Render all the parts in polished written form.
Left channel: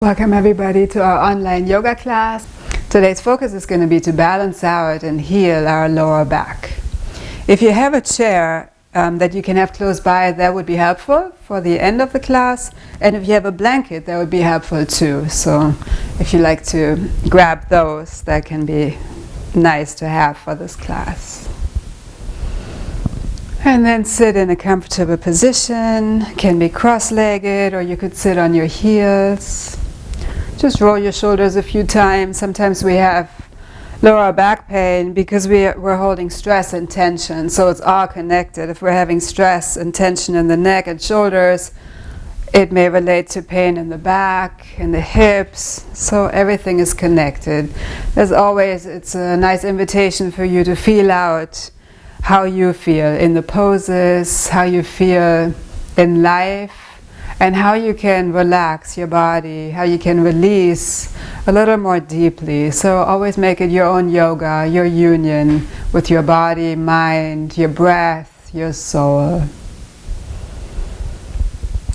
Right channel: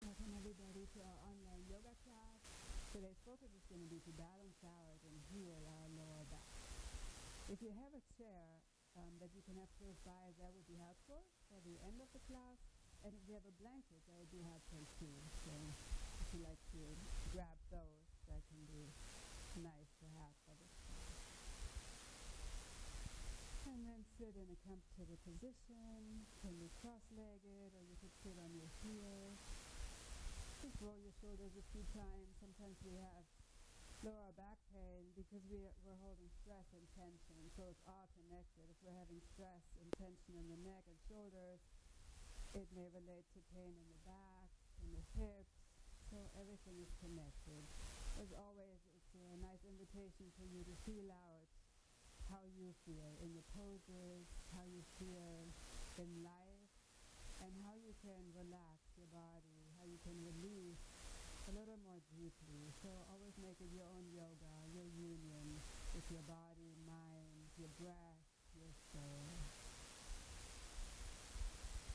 Welcome everybody to our online yoga class. Today's focus is going to be to balance out and heal our lower back. If you have a chair that you can have close by, that would be helpful for the end of the class. And if you have a blanket, that would be helpful too. So if you like to grab those, that can be nice to have for this class. And then sit in a comfortable position. Can be cross-legged, or you could sit on your heels. Just roll your shoulders a few times. Sometimes we have lower back pain because we're holding stress and tension, so it's all connected. If we're having stress and tension in the neck and shoulders, it may relate to pain in the back, in the hips, so everything is connected. As always, it's a nice invitation for you to feel out how you feel in the poses, how you feel in life, and how you can relax your body, how you can release a little more deeply. So always make it your own yoga, your union with your body, mind, your breath, your soul.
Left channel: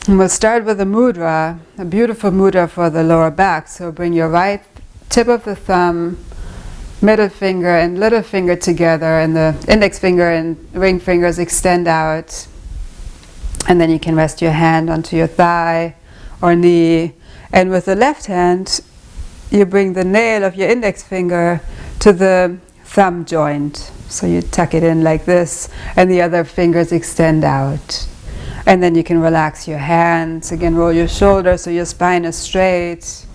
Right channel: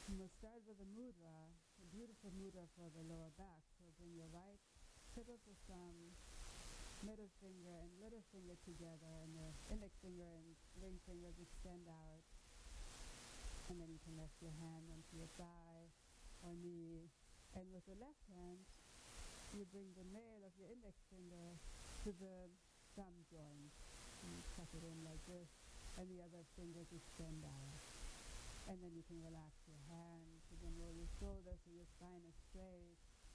And we'll start with a mudra, a beautiful mudra for the lower back. So bring your right tip of the thumb, middle finger and little finger together, and the index finger and ring fingers extend out. And then you can rest your hand onto your thigh or knee. And with the left hand, you bring the nail of your index finger to the thumb joint. So you tuck it in like this, and the other fingers extend out. And then you can relax your hands. Again, roll your shoulders so your spine is straight.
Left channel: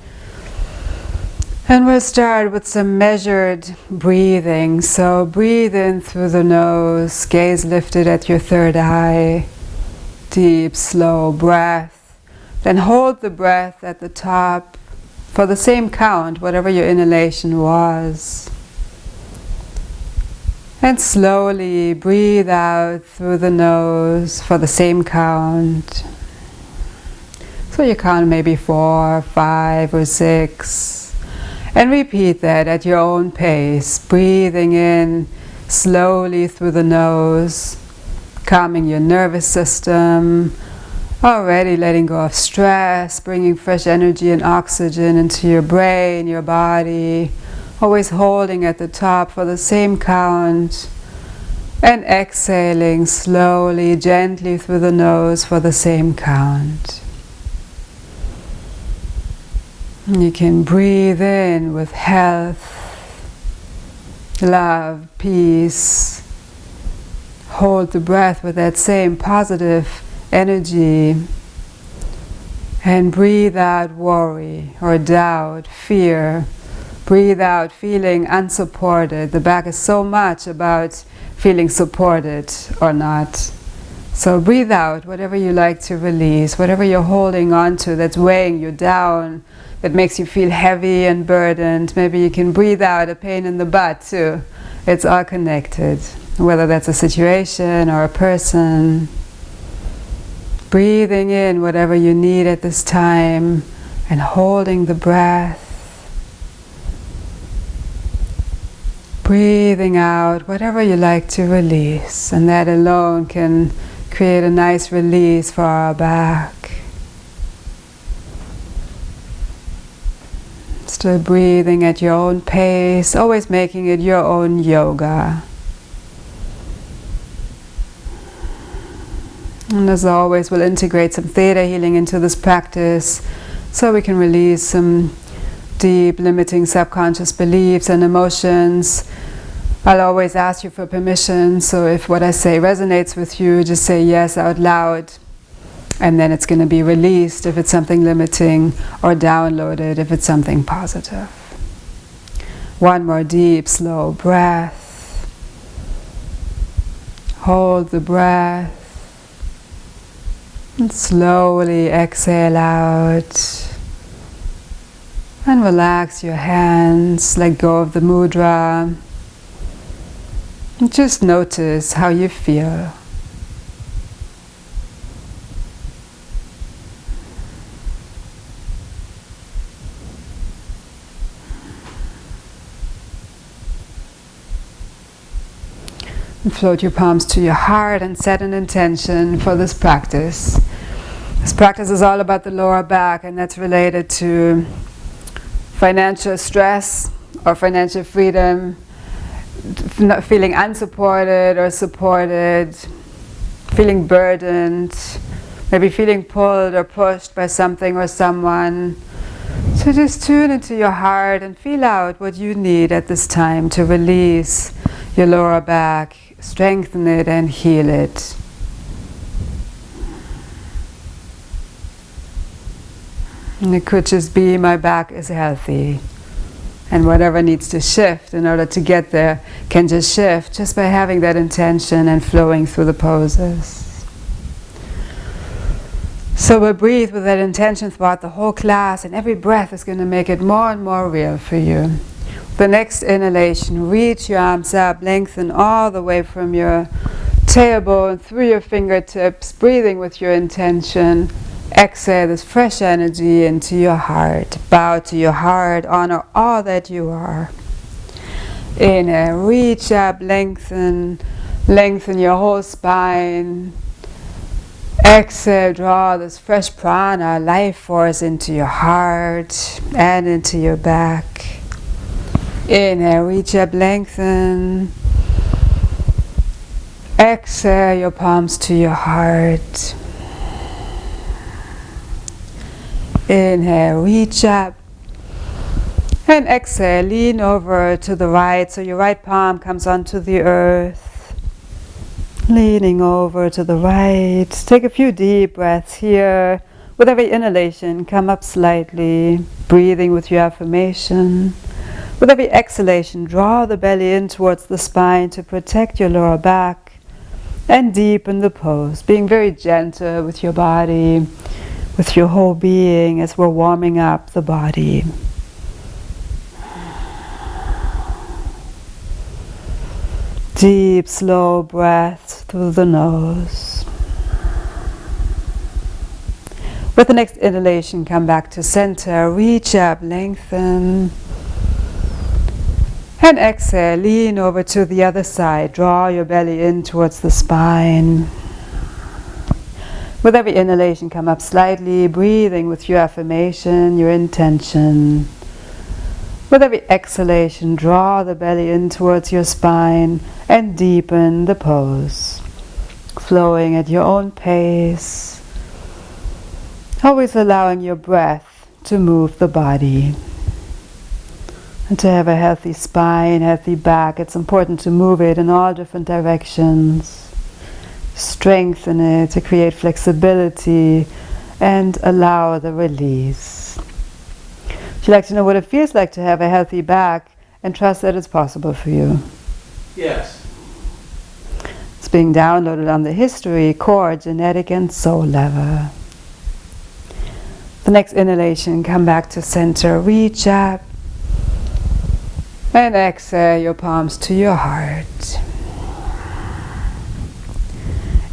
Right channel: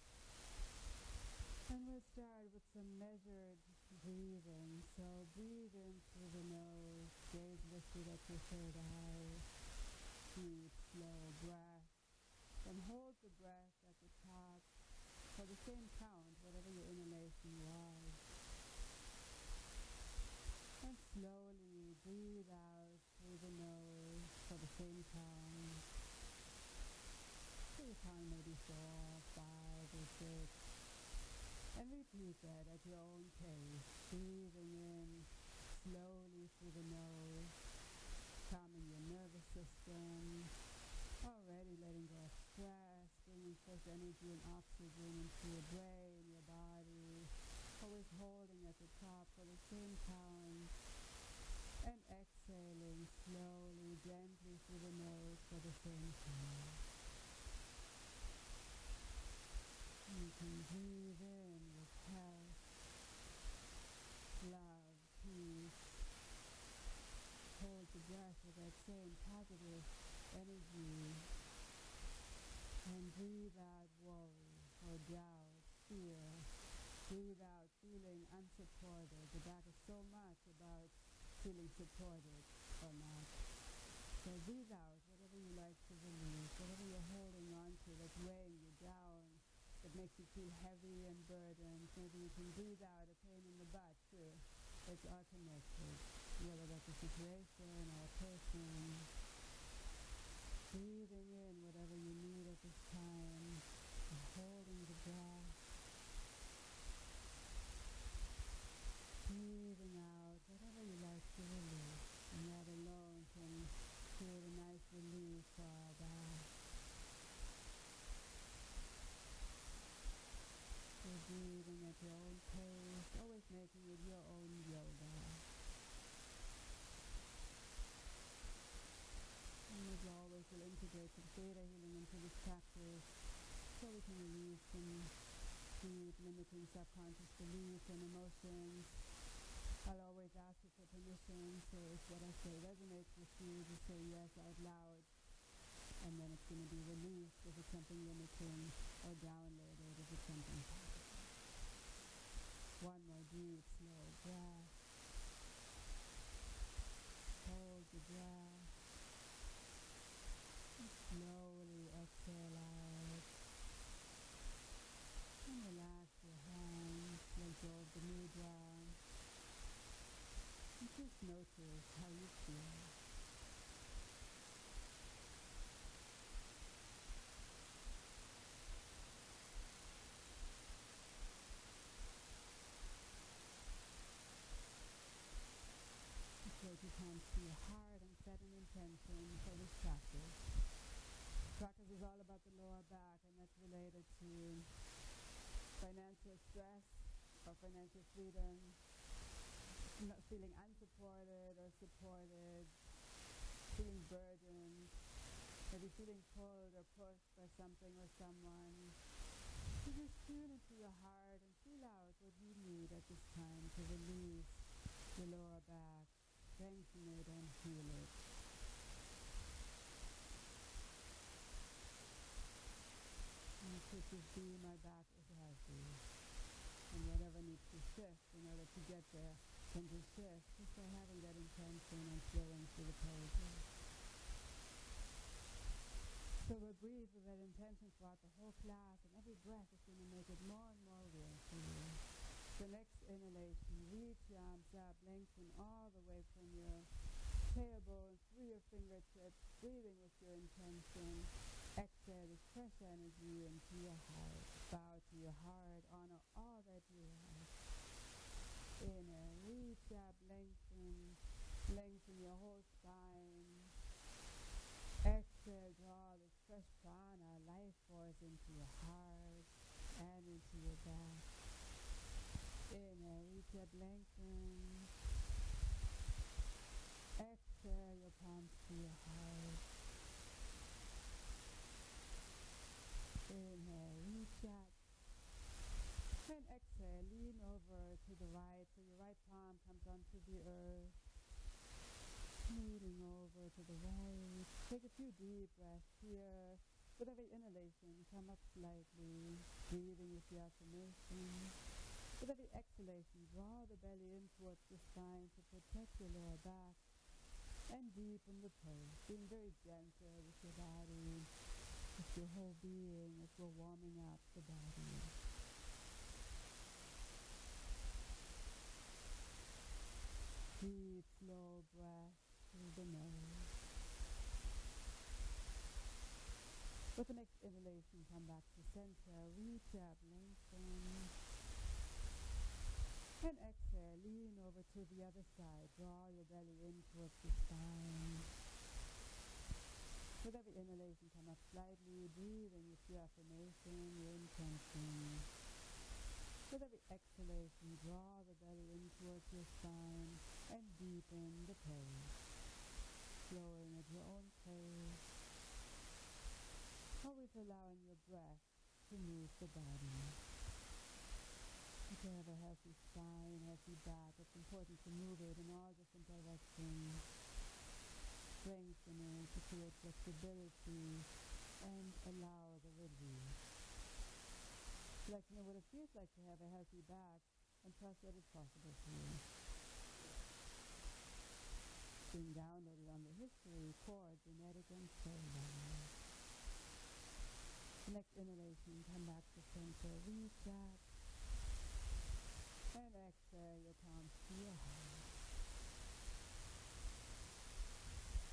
And we'll start with some measured breathing. So breathe in through the nose, gaze lifted at your third eye. Deep, slow breath. Then hold the breath at the top for the same count, whatever your inhalation was. And slowly breathe out through the nose for the same count. So you count maybe 4, 5, or 6. And repeat that at your own pace, breathing in slowly through the nose, calming your nervous system, already letting go of stress, bringing fresh energy and oxygen into your brain, your body, always holding at the top for the same count, and exhaling slowly, gently through the nose for the same count. And you can breathe in with health, love, peace. Hold the breath with that same positive energy, and breathe out worry or doubt, fear. Breathe out feeling unsupported. The back is so much about feeling supported or not. So breathe out whatever you like to release, whatever you're holding on to that's weighing you down, that makes you feel heavy and burdened. Maybe you can breathe out a pain in the butt too. It's all connected. Whether that's a situation or a person. Breathing in whatever you need at this time and holding the breath. Breathing out whatever you like to release, and that alone can create a nice release for our back. Still breathing at your own pace, always making it your own yoga. And as always, we'll integrate some theta healing into this practice so we can release some deep, limiting subconscious beliefs and emotions. I'll always ask you for permission, so if what I say resonates with you, just say yes out loud, and then it's going to be released if it's something limiting, or downloaded if it's something positive. One more deep, slow breath. Hold the breath. And slowly exhale out. And relax your hands, let go of the mudra. And just notice how you feel. And float your palms to your heart and set an intention for this practice. This practice is all about the lower back, and that's related to financial stress or financial freedom, not feeling unsupported or supported, feeling burdened, maybe feeling pulled or pushed by something or someone. So just tune into your heart and feel out what you need at this time to release your lower back, strengthen it and heal it. And it could just be my back is healthy. And whatever needs to shift in order to get there can just shift just by having that intention and flowing through the poses. So we'll breathe with that intention throughout the whole class, and every breath is going to make it more and more real for you. The next inhalation, reach your arms up, lengthen all the way from your tailbone through your fingertips, breathing with your intention. Exhale this fresh energy into your heart. Bow to your heart, honor all that you are. Inhale, reach up, lengthen your whole spine. Exhale, draw this fresh prana, life force into your heart and into your back. Inhale, reach up, lengthen. Exhale, your palms to your heart. Inhale, reach up. And exhale, lean over to the right, so your right palm comes onto the earth. Leaning over to the right. Take a few deep breaths here. With every inhalation, come up slightly, breathing with your affirmation. With every exhalation, draw the belly in towards the spine to protect your lower back and deepen the pose, being very gentle with your body, with your whole being as we're warming up the body. Deep, slow breaths through the nose. With the next inhalation, come back to center, reach up, lengthen. And exhale, lean over to the other side, draw your belly in towards the spine. With every inhalation, come up slightly, breathing with your affirmation, your intention. With every exhalation, draw the belly in towards your spine and deepen the pose, flowing at your own pace, always allowing your breath to move the body. And to have a healthy spine, healthy back, it's important to move it in all different directions, strengthen it to create flexibility and allow the release. Would you like to know what it feels like to have a healthy back and trust that it's possible for you? Yes. It's being downloaded on the history, core, genetic, and soul level. The next inhalation, come back to center, reach up, and exhale your palms to your heart.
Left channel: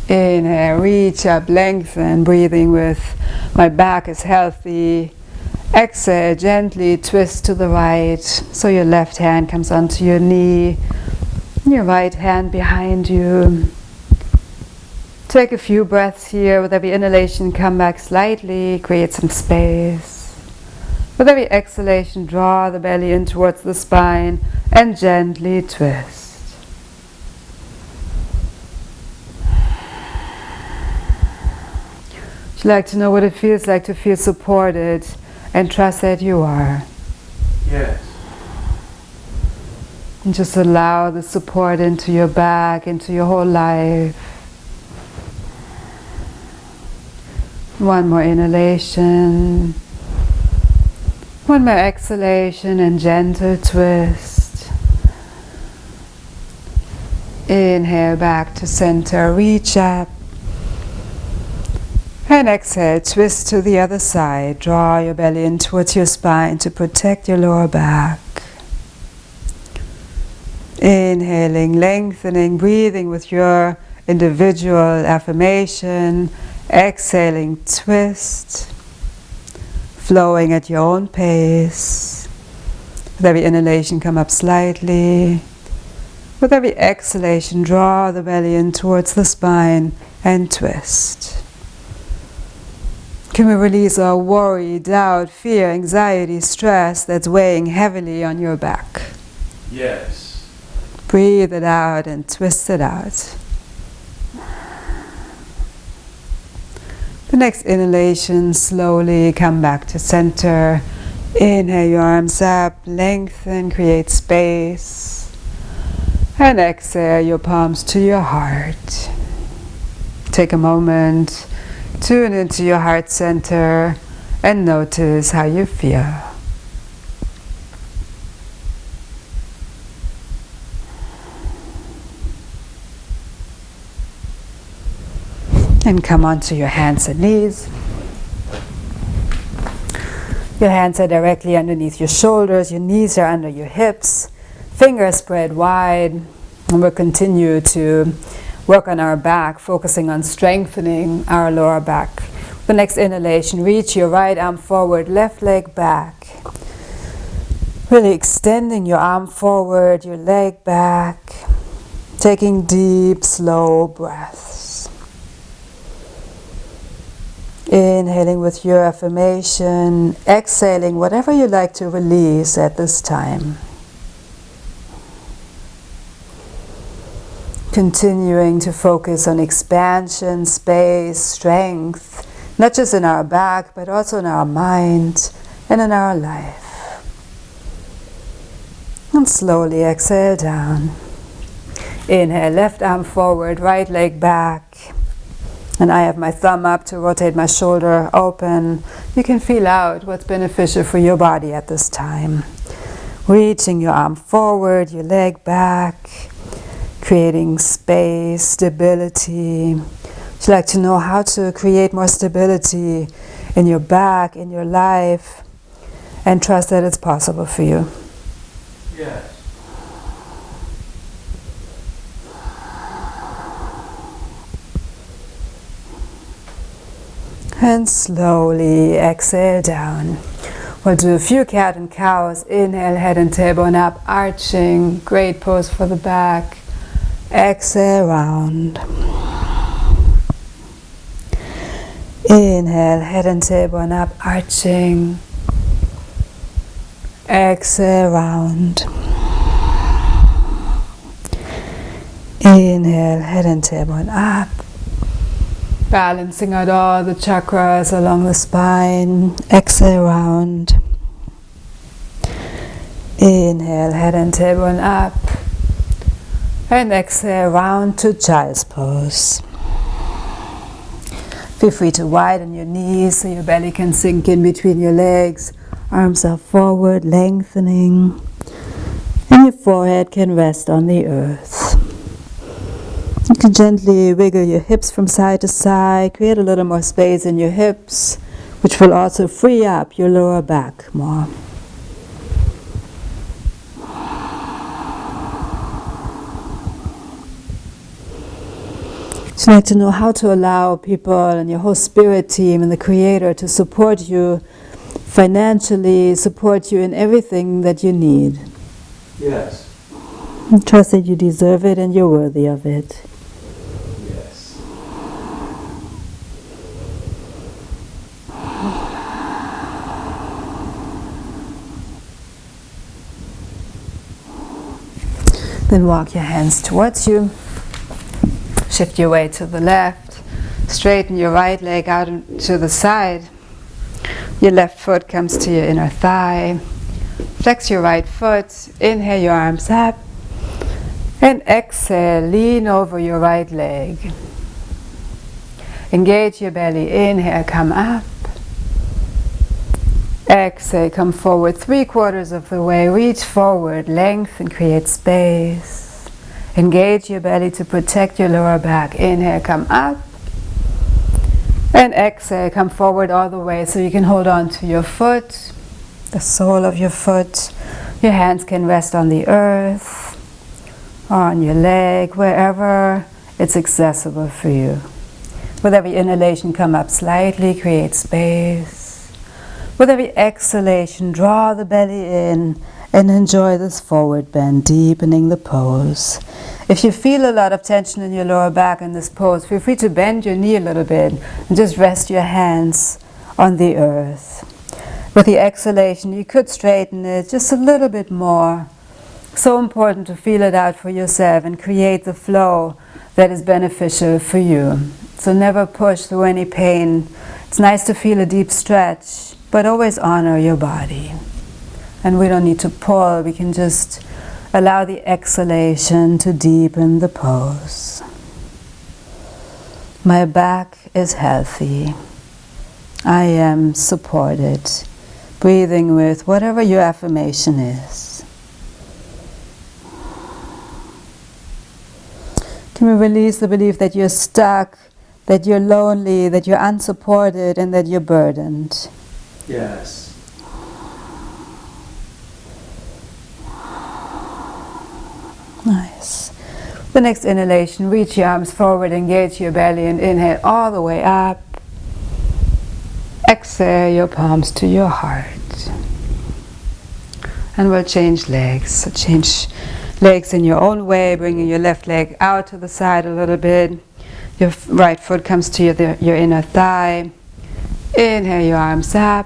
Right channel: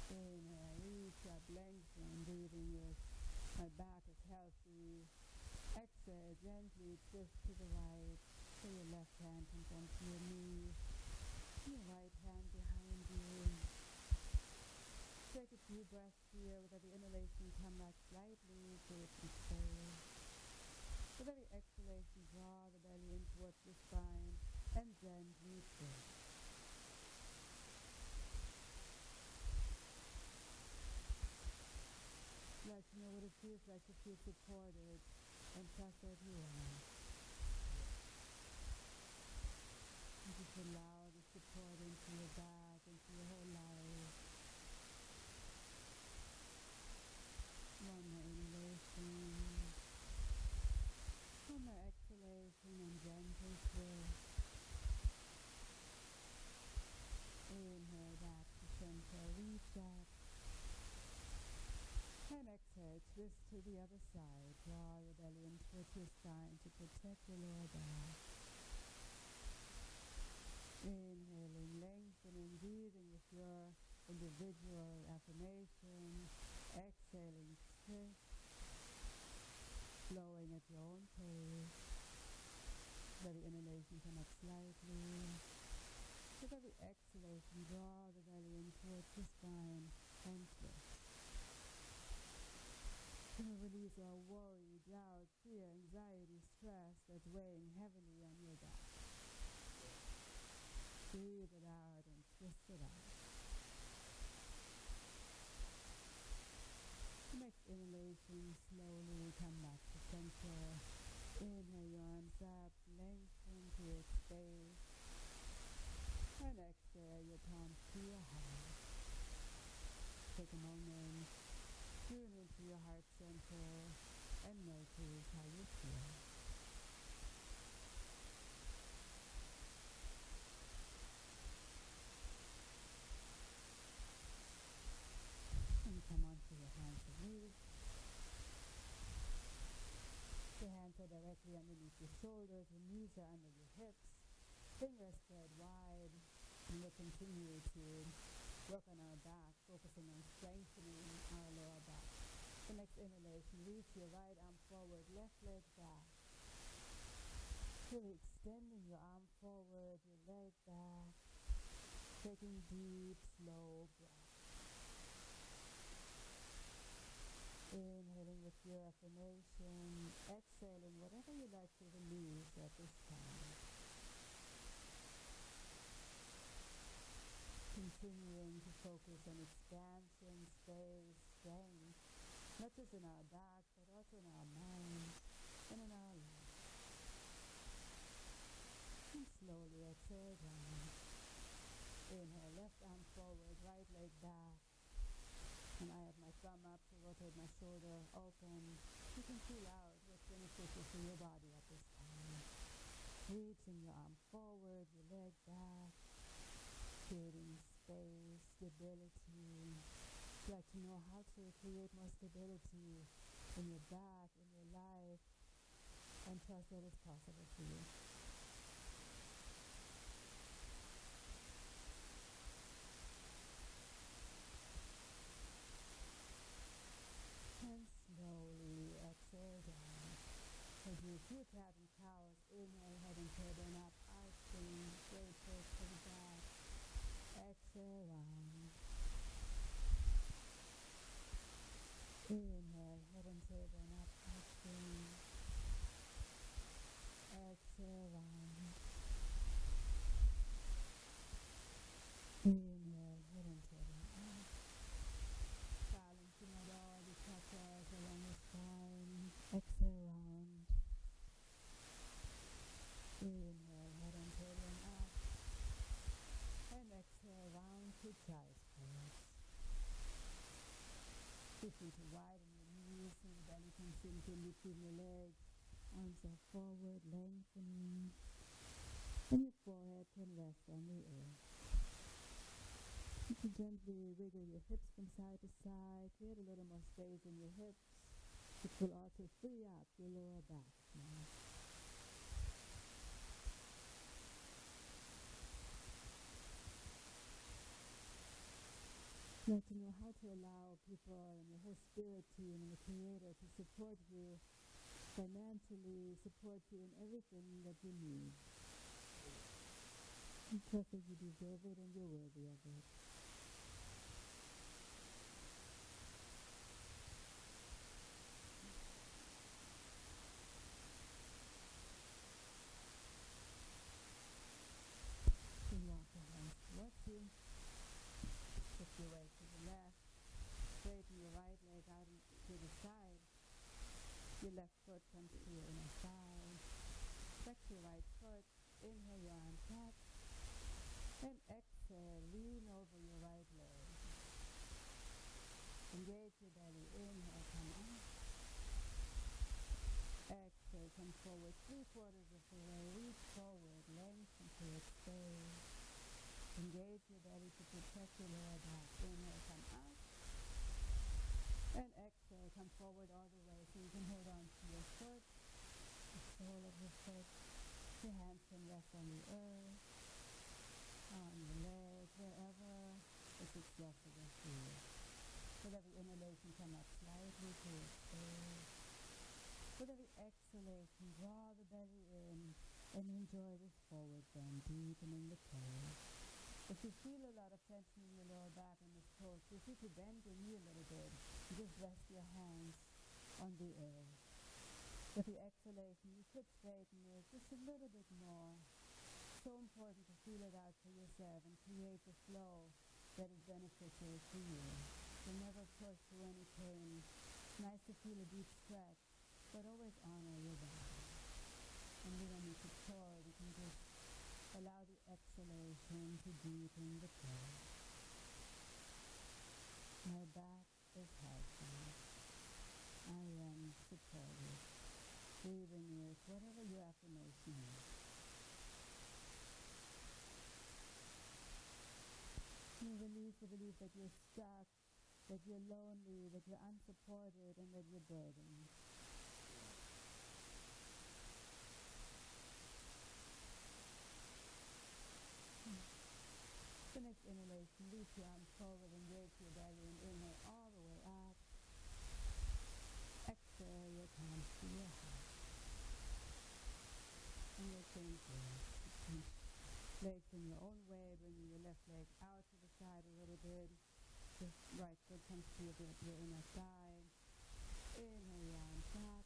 Inhale, reach up, lengthen, breathing with my back is healthy. Exhale, gently twist to the right, so your left hand comes onto your knee, your right hand behind you. Take a few breaths here. With every inhalation, come back slightly, create some space. With every exhalation, draw the belly in towards the spine and gently twist. Would you like to know what it feels like to feel supported and trust that you are? Yes. And just allow the support into your back, into your whole life. One more inhalation. One more exhalation and gentle twist. Inhale back to center, reach up. And exhale, twist to the other side. Draw your belly in towards your spine to protect your lower back. Inhaling, lengthening, breathing with your individual affirmation. Exhaling, twist. Flowing at your own pace. With every inhalation, come up slightly. With every exhalation, draw the belly in towards the spine and twist. Can we release all worry, doubt, fear, anxiety, stress that's weighing heavily on your back? Yes. Breathe it out and twist it out. The next inhalation, slowly come back to center. Inhale your arms up, lengthen, create space. And exhale your palms to your heart. Take a moment, tune into your heart center, and notice how you feel. And come onto your hands and knees. Your hands are directly underneath your shoulders, your knees are under your hips, fingers spread wide, and we'll continue to work on our back, focusing on strengthening our lower back. The next inhalation, reach your right arm forward, left leg back. Really extending your arm forward, your leg back, taking deep, slow breaths. Inhaling with your affirmation, exhaling whatever you like to release at this time. Continuing to focus on expansion, space, strength, not just in our back, but also in our mind and in our life. And slowly exhale down. Inhale, left arm forward, right leg back. And I have my thumb up to rotate my shoulder open. You can feel out what's beneficial for your body at this time. Reaching your arm forward, your leg back, creating space, stability. Would you like to know how to create more stability in your back, in your life, and trust that it's possible for you? Yes. And slowly exhale down. We'll do a few cat and cows. Inhale, head and tailbone up, arching. Great pose for the back. Exhale, round. Inhale, head and tailbone up, arching. Exhale, round. Inhale, head and tailbone up. Balancing out all the chakras along the spine. Exhale, round. Inhale, head and tailbone up. And exhale, round to child's pose. Feel free to widen your knees so your belly can sink in between your legs. Arms are forward, lengthening. And your forehead can rest on the earth. You can gently wiggle your hips from side to side, create a little more space in your hips, which will also free up your lower back more. So I'd like to know how to allow people and your whole spirit team and the Creator to support you financially, support you in everything that you need. Yes. And trust that you deserve it and you're worthy of it. Yes. Then walk your hands towards you. Shift your weight to the left. Straighten your right leg out to the side. Your left foot comes to your inner thigh. Flex your right foot. Inhale your arms up. And exhale, lean over your right leg. Engage your belly. Inhale, come up. Exhale, come forward 3/4 of the way. Reach forward, lengthen, create space. Engage your belly to protect your lower back. Inhale, come up. And exhale, come forward all the way so you can hold on to your foot, the sole of your foot. Your hands can rest on the earth, or on your leg, wherever it's accessible for you. With every inhalation, come up slightly, create space. With every exhalation, draw the belly in and enjoy this forward bend, deepening the pose. If you feel a lot of tension in your lower back in this pose, feel free to bend your knee a little bit and just rest your hands on the earth. With the exhalation, you could straighten it just a little bit more. So important to feel it out for yourself and create the flow that is beneficial for you. So never push through any pain. It's nice to feel a deep stretch, but always honor your body. And we don't need to pull, we can just allow the exhalation to deepen the pose. My back is healthy. I am supported. Breathing with whatever your affirmation is. Can we release the belief that you're stuck, that you're lonely, that you're unsupported, and that you're burdened? Yes. Nice. The next inhalation, reach your arms forward, engage your belly, and inhale all the way up. Exhale your palms to your heart. And we'll change legs. So change legs in your own way, bringing your left leg out to the side a little bit. Your right foot comes to your inner thigh. Inhale your arms up.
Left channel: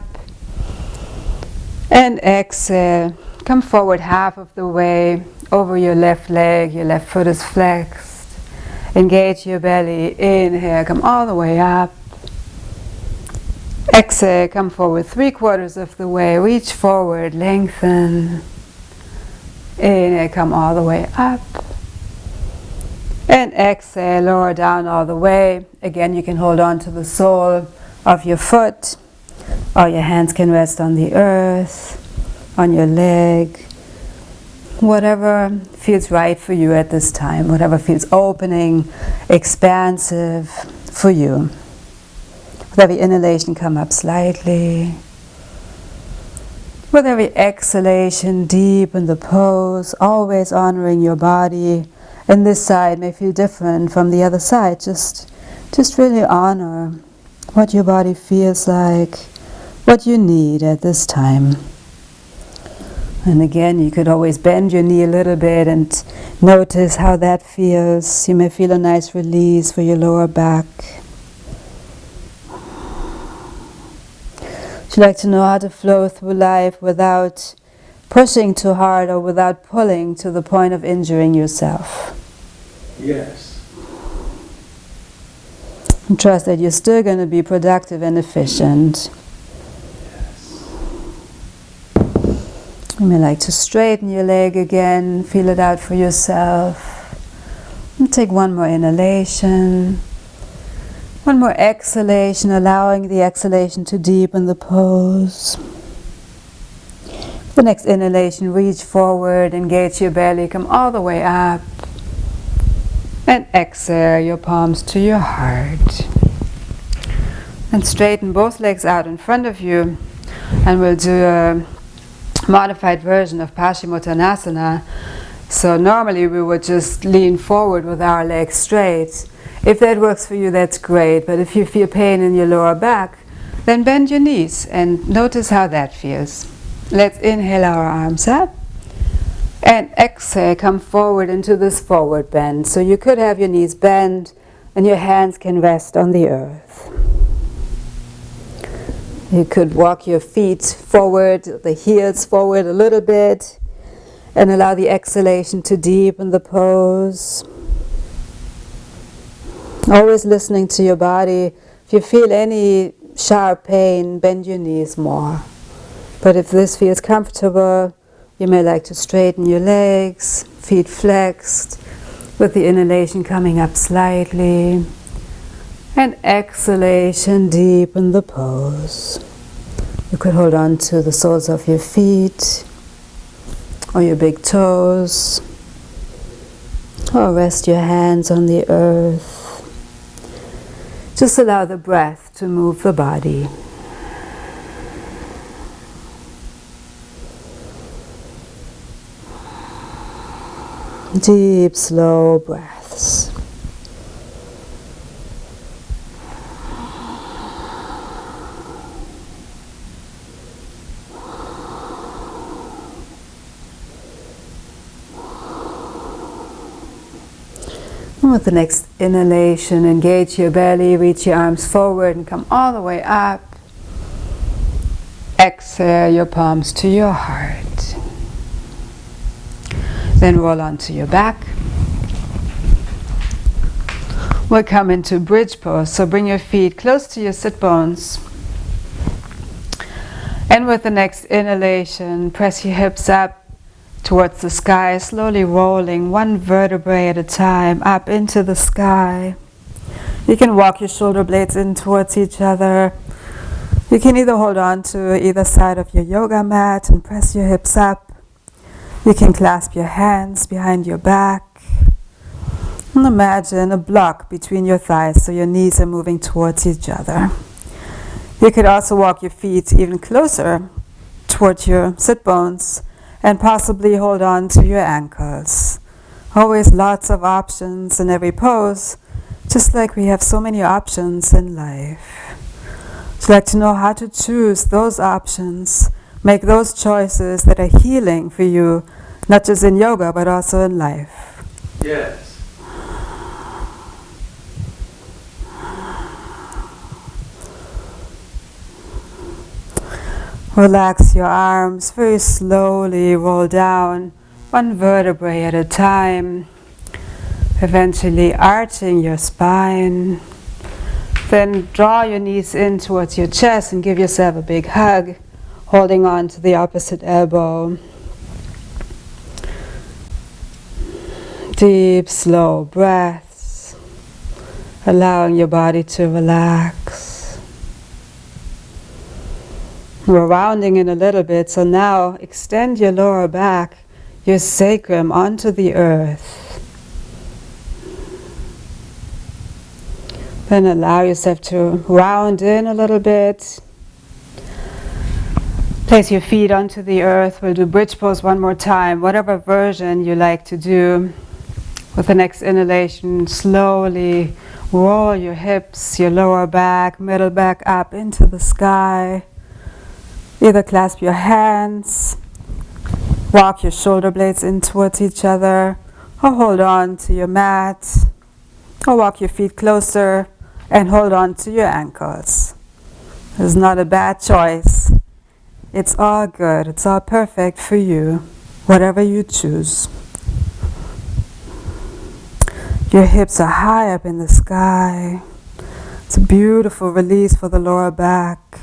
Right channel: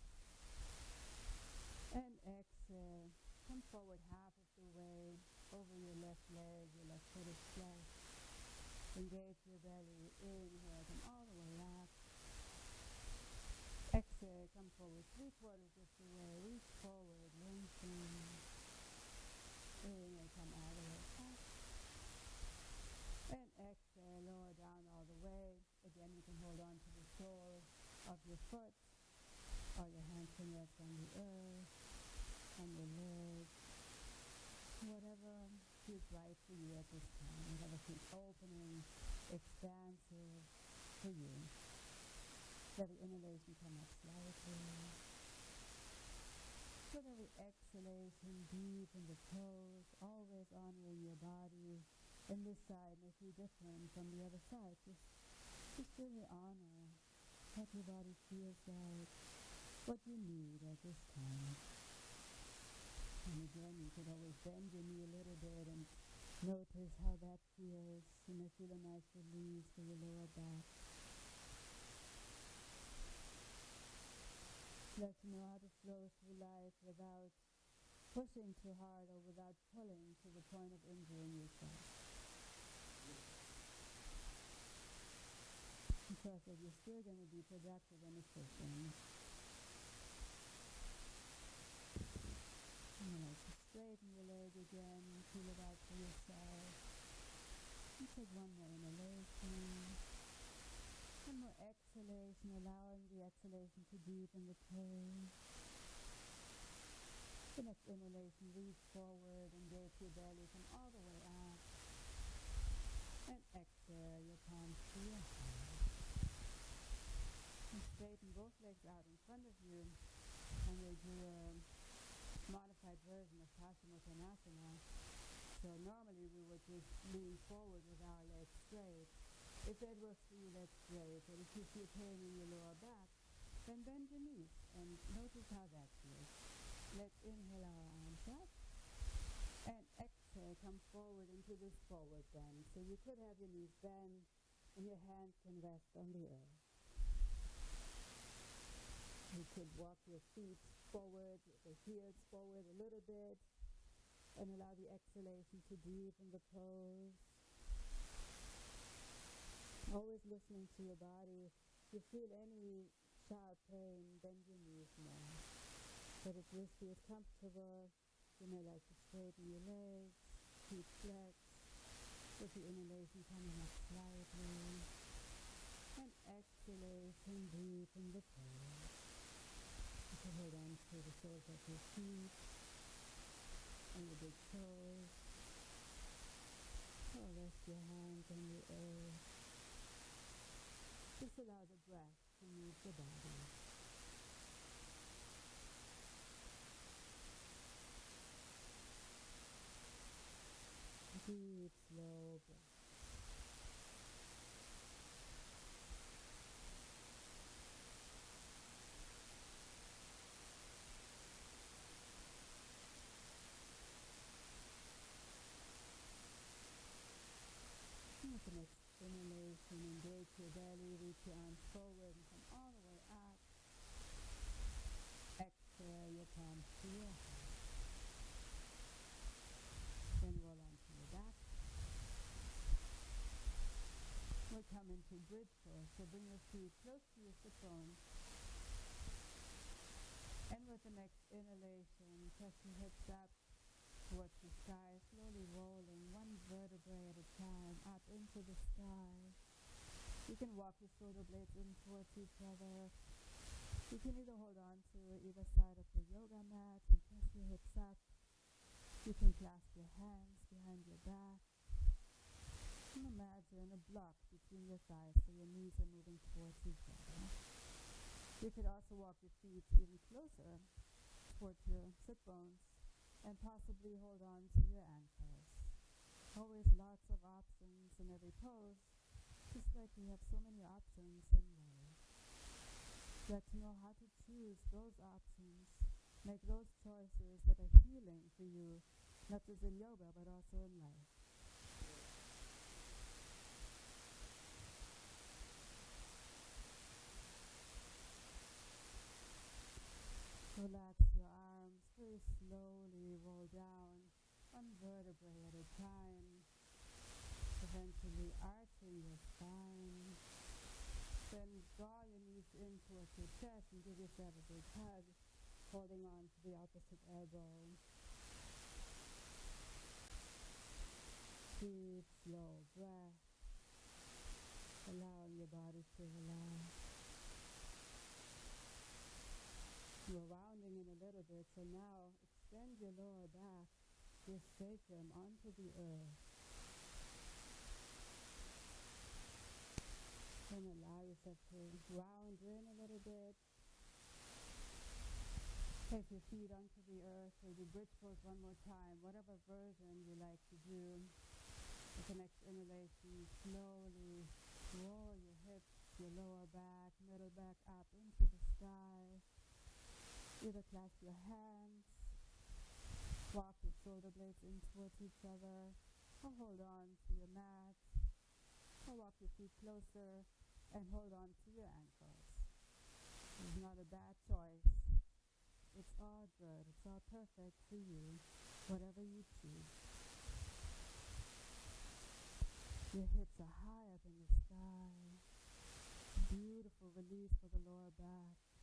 And exhale. Come forward half of the way over your left leg. Your left foot is flexed. Engage your belly. Inhale, come all the way up. Exhale, come forward 3/4 of the way. Reach forward, lengthen. Inhale, come all the way up. And exhale, lower down all the way. Again, you can hold on to the sole of your foot, or your hands can rest on the earth, on your leg. Whatever feels right for you at this time, whatever feels opening, expansive for you. With every inhalation, come up slightly. With every exhalation, deepen the pose, always honoring your body. And this side may feel different from the other side. Just really honor what your body feels like, what you need at this time. And again, you could always bend your knee a little bit and notice how that feels. You may feel a nice release for your lower back. Would you like to know how to flow through life without pushing too hard or without pulling to the point of injuring yourself? Yes. And trust that you're still going to be productive and efficient. You may like to straighten your leg again, feel it out for yourself. And take one more inhalation. One more exhalation, allowing the exhalation to deepen the pose. The next inhalation, reach forward, engage your belly, come all the way up. And exhale your palms to your heart. And straighten both legs out in front of you. And we'll do a modified version of Paschimottanasana. So normally we would just lean forward with our legs straight. If that works for you, that's great. But if you feel pain in your lower back, then bend your knees and notice how that feels. Let's inhale our arms up. And exhale, come forward into this forward bend. So you could have your knees bent and your hands can rest on the earth. You could walk your feet forward, the heels forward a little bit, and allow the exhalation to deepen the pose. Always listening to your body. If you feel any sharp pain, bend your knees more. But if this feels comfortable, you may like to straighten your legs, feet flexed, with the inhalation coming up slightly. And exhalation, deepen the pose. You could hold on to the soles of your feet, or your big toes, or rest your hands on the earth. Just allow the breath to move the body. Deep, slow breaths. And with the next inhalation, engage your belly, reach your arms forward and come all the way up. Exhale your palms to your heart. Then roll onto your back. We'll come into bridge pose, so bring your feet close to your sit bones. And with the next inhalation, press your hips up towards the sky, slowly rolling one vertebrae at a time up into the sky. You can walk your shoulder blades in towards each other. You can either hold on to either side of your yoga mat and press your hips up. You can clasp your hands behind your back. And imagine a block between your thighs so your knees are moving towards each other. You could also walk your feet even closer towards your sit bones and possibly hold on to your ankles. Always lots of options in every pose, just like we have so many options in life. Would you like to know how to choose those options, make those choices that are healing for you, not just in yoga but also in life? Yes. Relax your arms, very slowly roll down, one vertebrae at a time, eventually arching your spine. Then draw your knees in towards your chest and give yourself a big hug, holding on to the opposite elbow. Deep, slow breaths, allowing your body to relax. We're rounding in a little bit, so now extend your lower back, your sacrum onto the earth. Then allow yourself to round in a little bit. Place your feet onto the earth. We'll do bridge pose one more time, whatever version you like to do. With the next inhalation, slowly roll your hips, your lower back, middle back up into the sky. Either clasp your hands, walk your shoulder blades in towards each other, or hold on to your mat, or walk your feet closer and hold on to your ankles. It's not a bad choice. It's all good. It's all perfect for you, whatever you choose. Your hips are high up in the sky. It's a beautiful release for the lower back.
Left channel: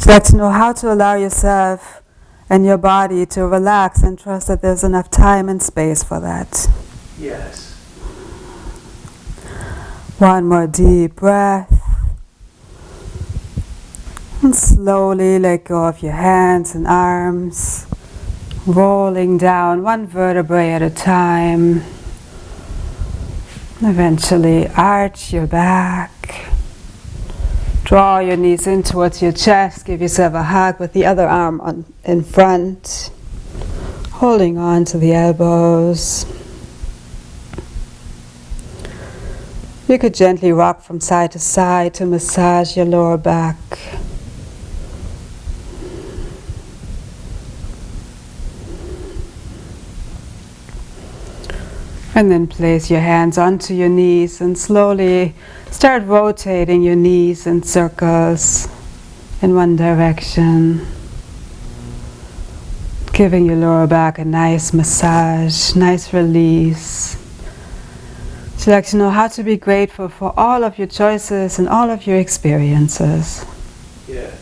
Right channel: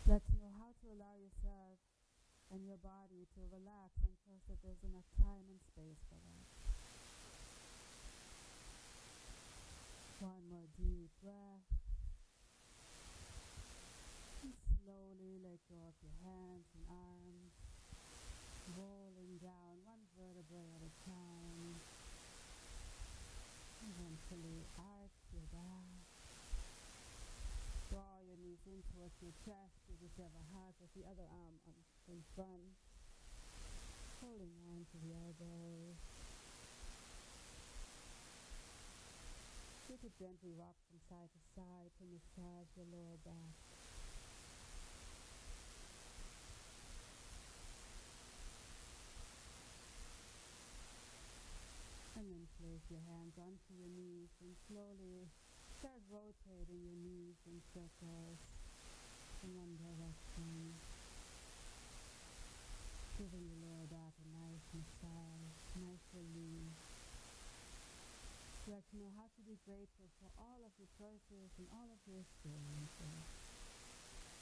Would you like to know how to allow yourself and your body to relax and trust that there's enough time and space for that? Yes. One more deep breath. And slowly let go of your hands and arms, rolling down one vertebrae at a time. Eventually arch your back. Draw your knees in towards your chest. Give yourself a hug with the other arm in front, holding on to the elbows. You could gently rock from side to side to massage your lower back. And then place your hands onto your knees and slowly start rotating your knees in circles in one direction. Giving your lower back a nice massage, nice release. Would you like to know how to be grateful for all of your choices and all of your experiences? Yes.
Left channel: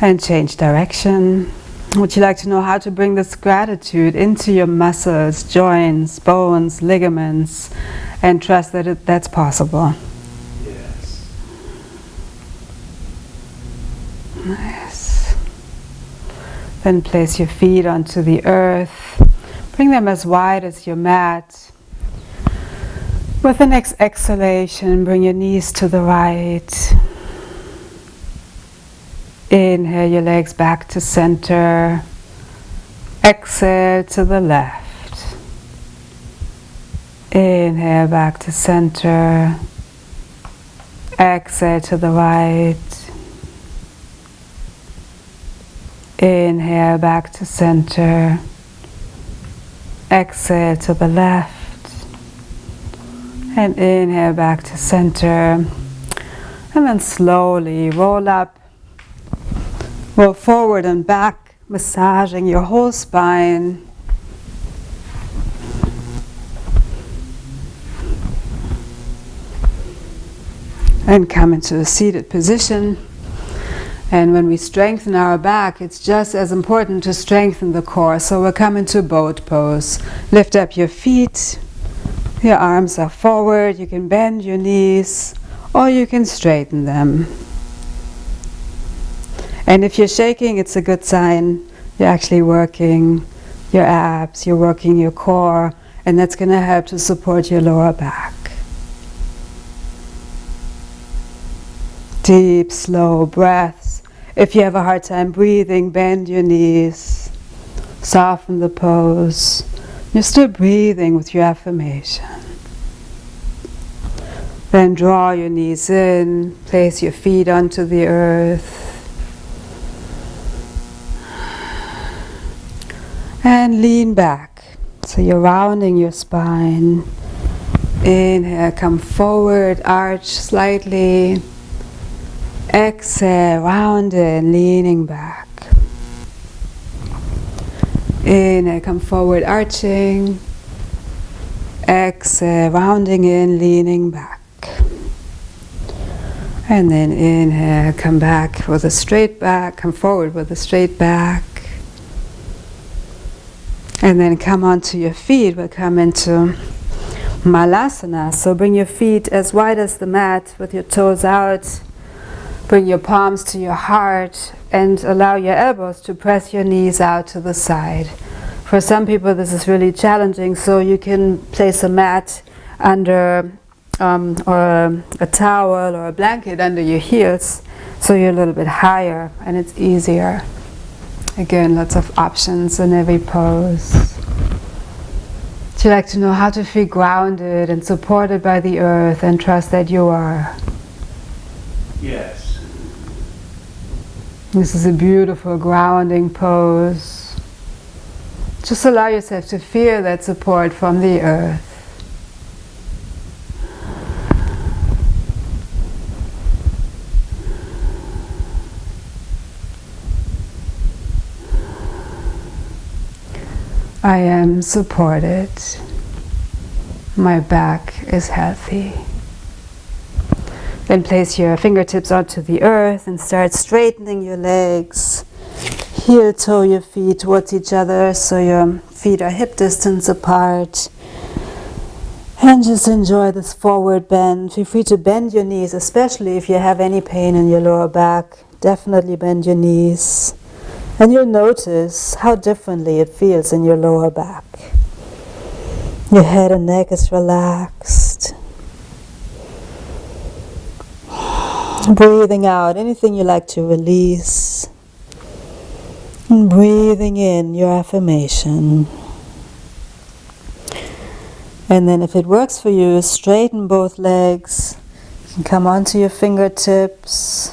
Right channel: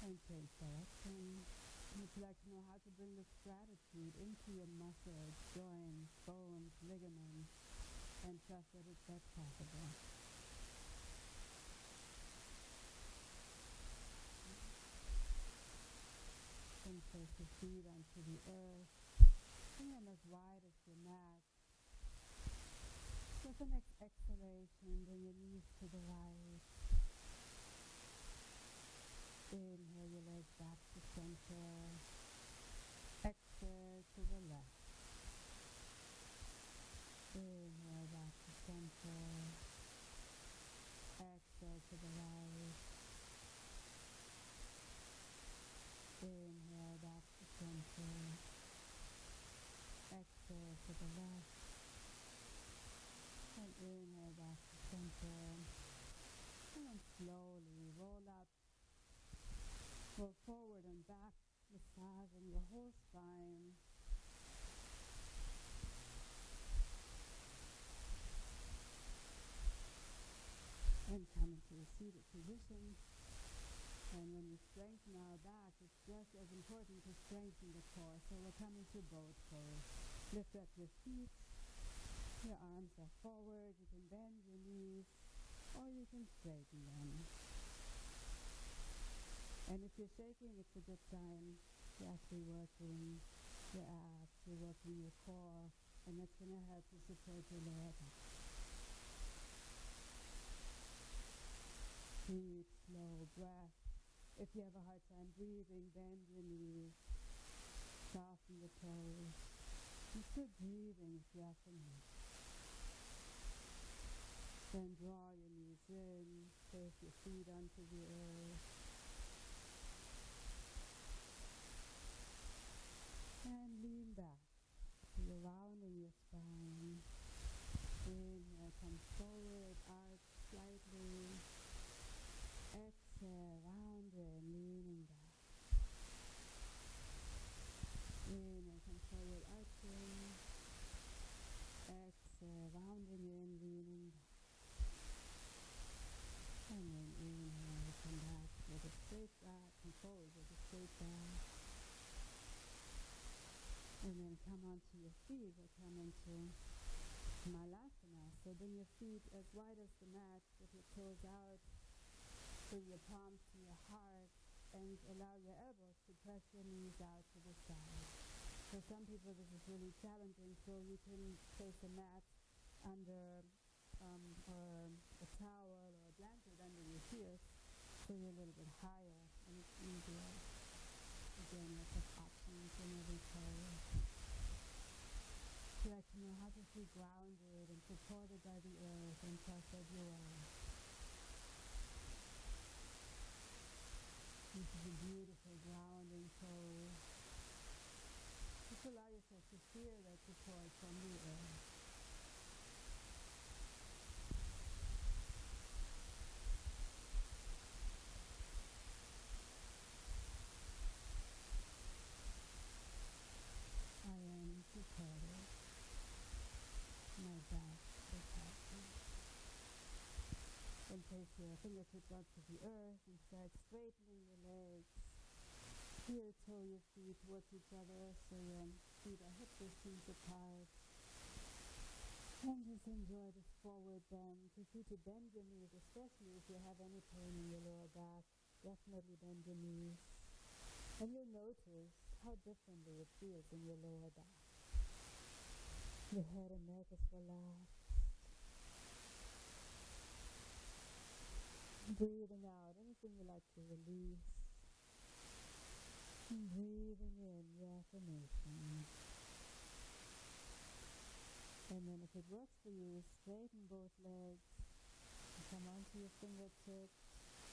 And change direction. Would you like to know how to bring this gratitude into your muscles, joints, bones, ligaments, and trust that that's possible? Yes. Nice. Then place your feet onto the earth. Bring them as wide as your mat. With the next exhalation, bring your knees to the right. Inhale your legs back to center. Exhale to the left. Inhale back to center. Exhale to the right. Inhale back to center. Exhale to the left. And inhale back to center. And then slowly roll up, roll forward and back, massaging your whole spine. And come into a seated position. And when we strengthen our back, it's just as important to strengthen the core. So we'll come into boat pose. Lift up your feet. Your arms are forward. You can bend your knees, or you can straighten them. And if you're shaking, it's a good sign. You're actually working your abs, you're working your core, and that's going to help to support your lower back. Deep, slow breaths. If you have a hard time breathing, bend your knees, soften the pose. You're still breathing with your affirmation. Then draw your knees in, place your feet onto the earth. And lean back. So you're rounding your spine. Inhale, come forward, arch slightly. Exhale, round in, leaning back. Inhale, come forward, arching. Exhale, rounding in, leaning back. And then inhale, come back with a straight back, come forward with a straight back. And then come onto your feet. We'll come into Malasana. So bring your feet as wide as the mat with your toes out. Bring your palms to your heart and allow your elbows to press your knees out to the side. For some people this is really challenging, so you can place a mat under or a towel or a blanket under your heels so you're a little bit higher and it's easier. Again, lots of options in every pose. Would you like to know how to feel grounded and supported by the earth and trust that you are? Yes. This is a beautiful grounding pose. Just allow yourself to feel that support from the earth. I am supported. My back is healthy. Then place your fingertips onto the earth and start straightening your legs. Heel toe your feet towards each other so your feet are hip distance apart. And just enjoy this forward bend. Feel free to bend your knees, especially if you have any pain in your lower back. Definitely bend your knees. And you'll notice how differently it feels in your lower back. Your head and neck is relaxed. Breathing out anything you like to release. And breathing in your affirmation. And then if it works for you, straighten both legs. You can come onto your fingertips.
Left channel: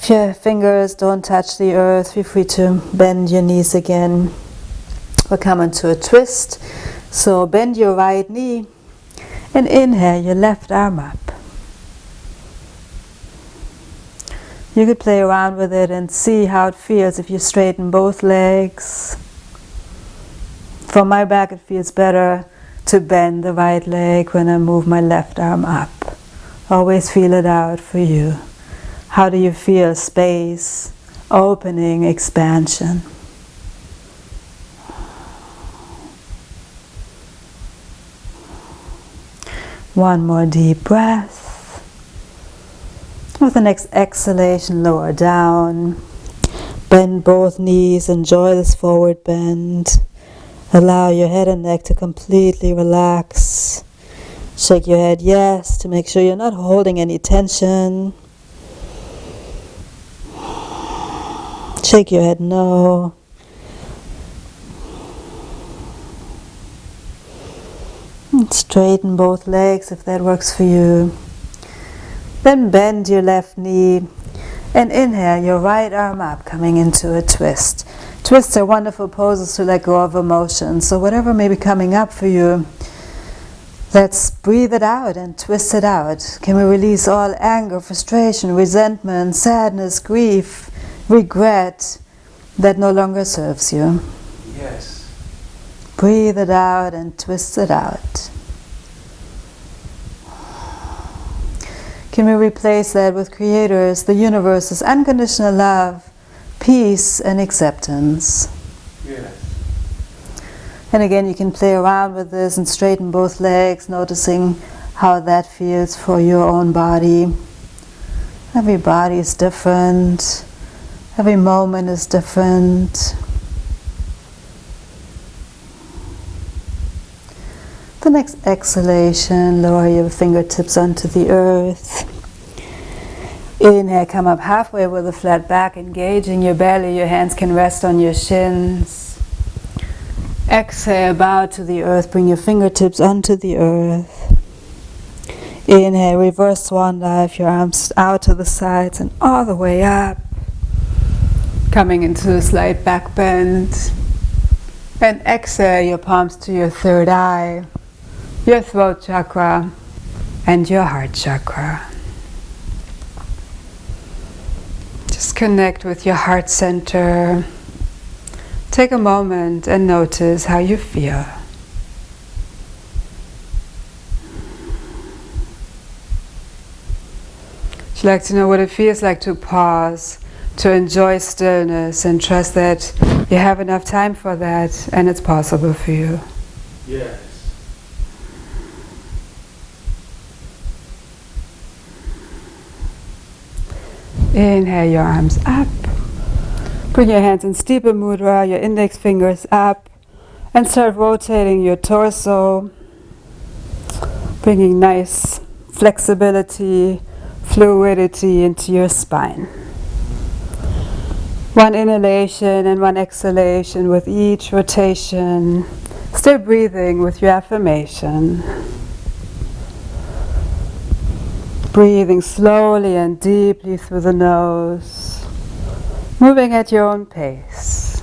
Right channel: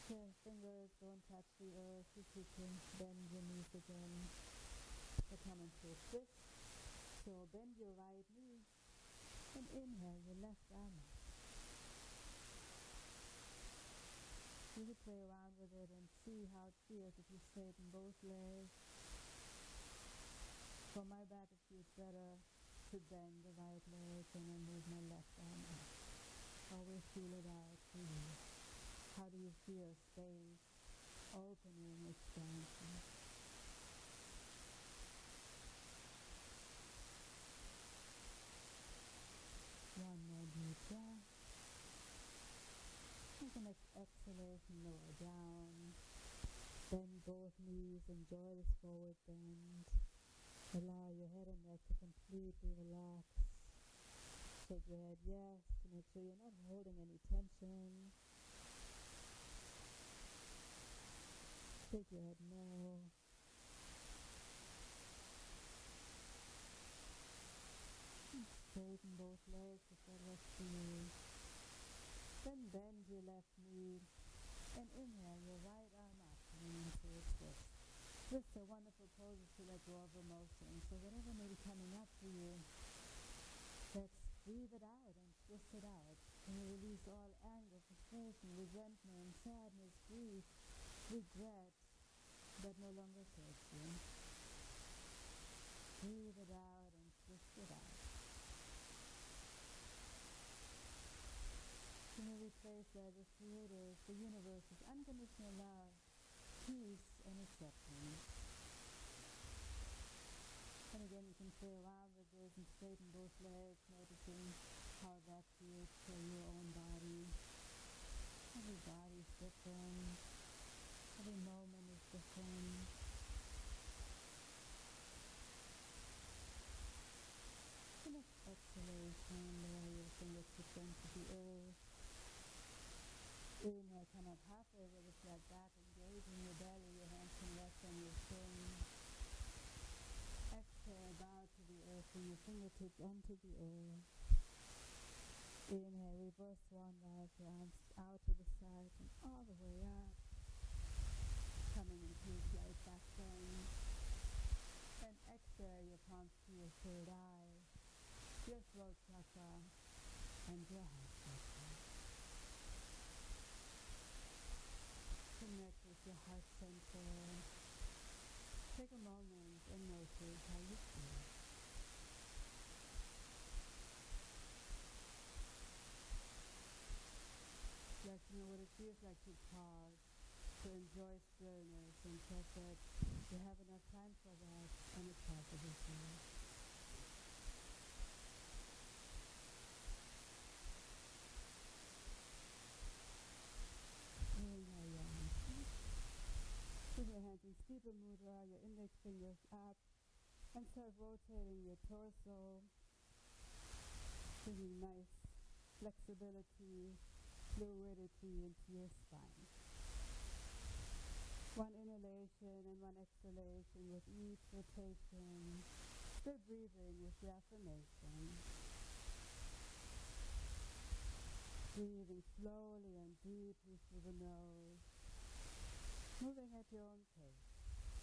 If your fingers don't touch the earth, feel free to bend your knees again. We'll come into a twist. So bend your right knee and inhale your left arm up. You could play around with it and see how it feels if you straighten both legs. From my back it feels better to bend the right leg when I move my left arm up. Always feel it out for you. How do you feel space, opening, expansion? One more deep breath. With the next exhalation, lower down. Bend both knees, enjoy this forward bend. Allow your head and neck to completely relax. Shake your head yes to make sure you're not holding any tension. Shake your head no. And straighten both legs if that works for you. Then bend your left knee and inhale your right arm up, coming into a twist. Twists are wonderful poses to let go of emotion. So whatever may be coming up for you, Let's breathe it out and twist it out. Can we release all anger, frustration, resentment, sadness, grief, regret that no longer serves you? Yes. Breathe it out and twist it out. Can we replace that with Creator's, the universe's unconditional love, peace and acceptance? Yes. And again, you can play around with this and straighten both legs, noticing how that feels for your own body. Every body is different. Every moment is different. The next exhalation, lower your fingertips onto the earth. Inhale, come up halfway with a flat back, engaging your belly. Your hands can rest on your shins. Exhale, bow to the earth, bring your fingertips onto the earth. Inhale, reverse swan dive, your arms out to the sides and all the way up. Coming into a slight back bend. And exhale, your palms to your third eye, your throat chakra, and your heart chakra. Just connect with your heart center. Take a moment and notice how you feel. Would you like to know what it feels like to pause, to enjoy stillness, and trust that you have enough time for that and it's possible for you? Yes. Inhale your arms up. Bring your hands in steeple mudra, your index fingers up, and start rotating your torso, bringing nice flexibility, fluidity into your spine. One inhalation and one exhalation with each rotation. Still breathing with your affirmation. Breathing slowly and deeply through the nose, moving at your own pace.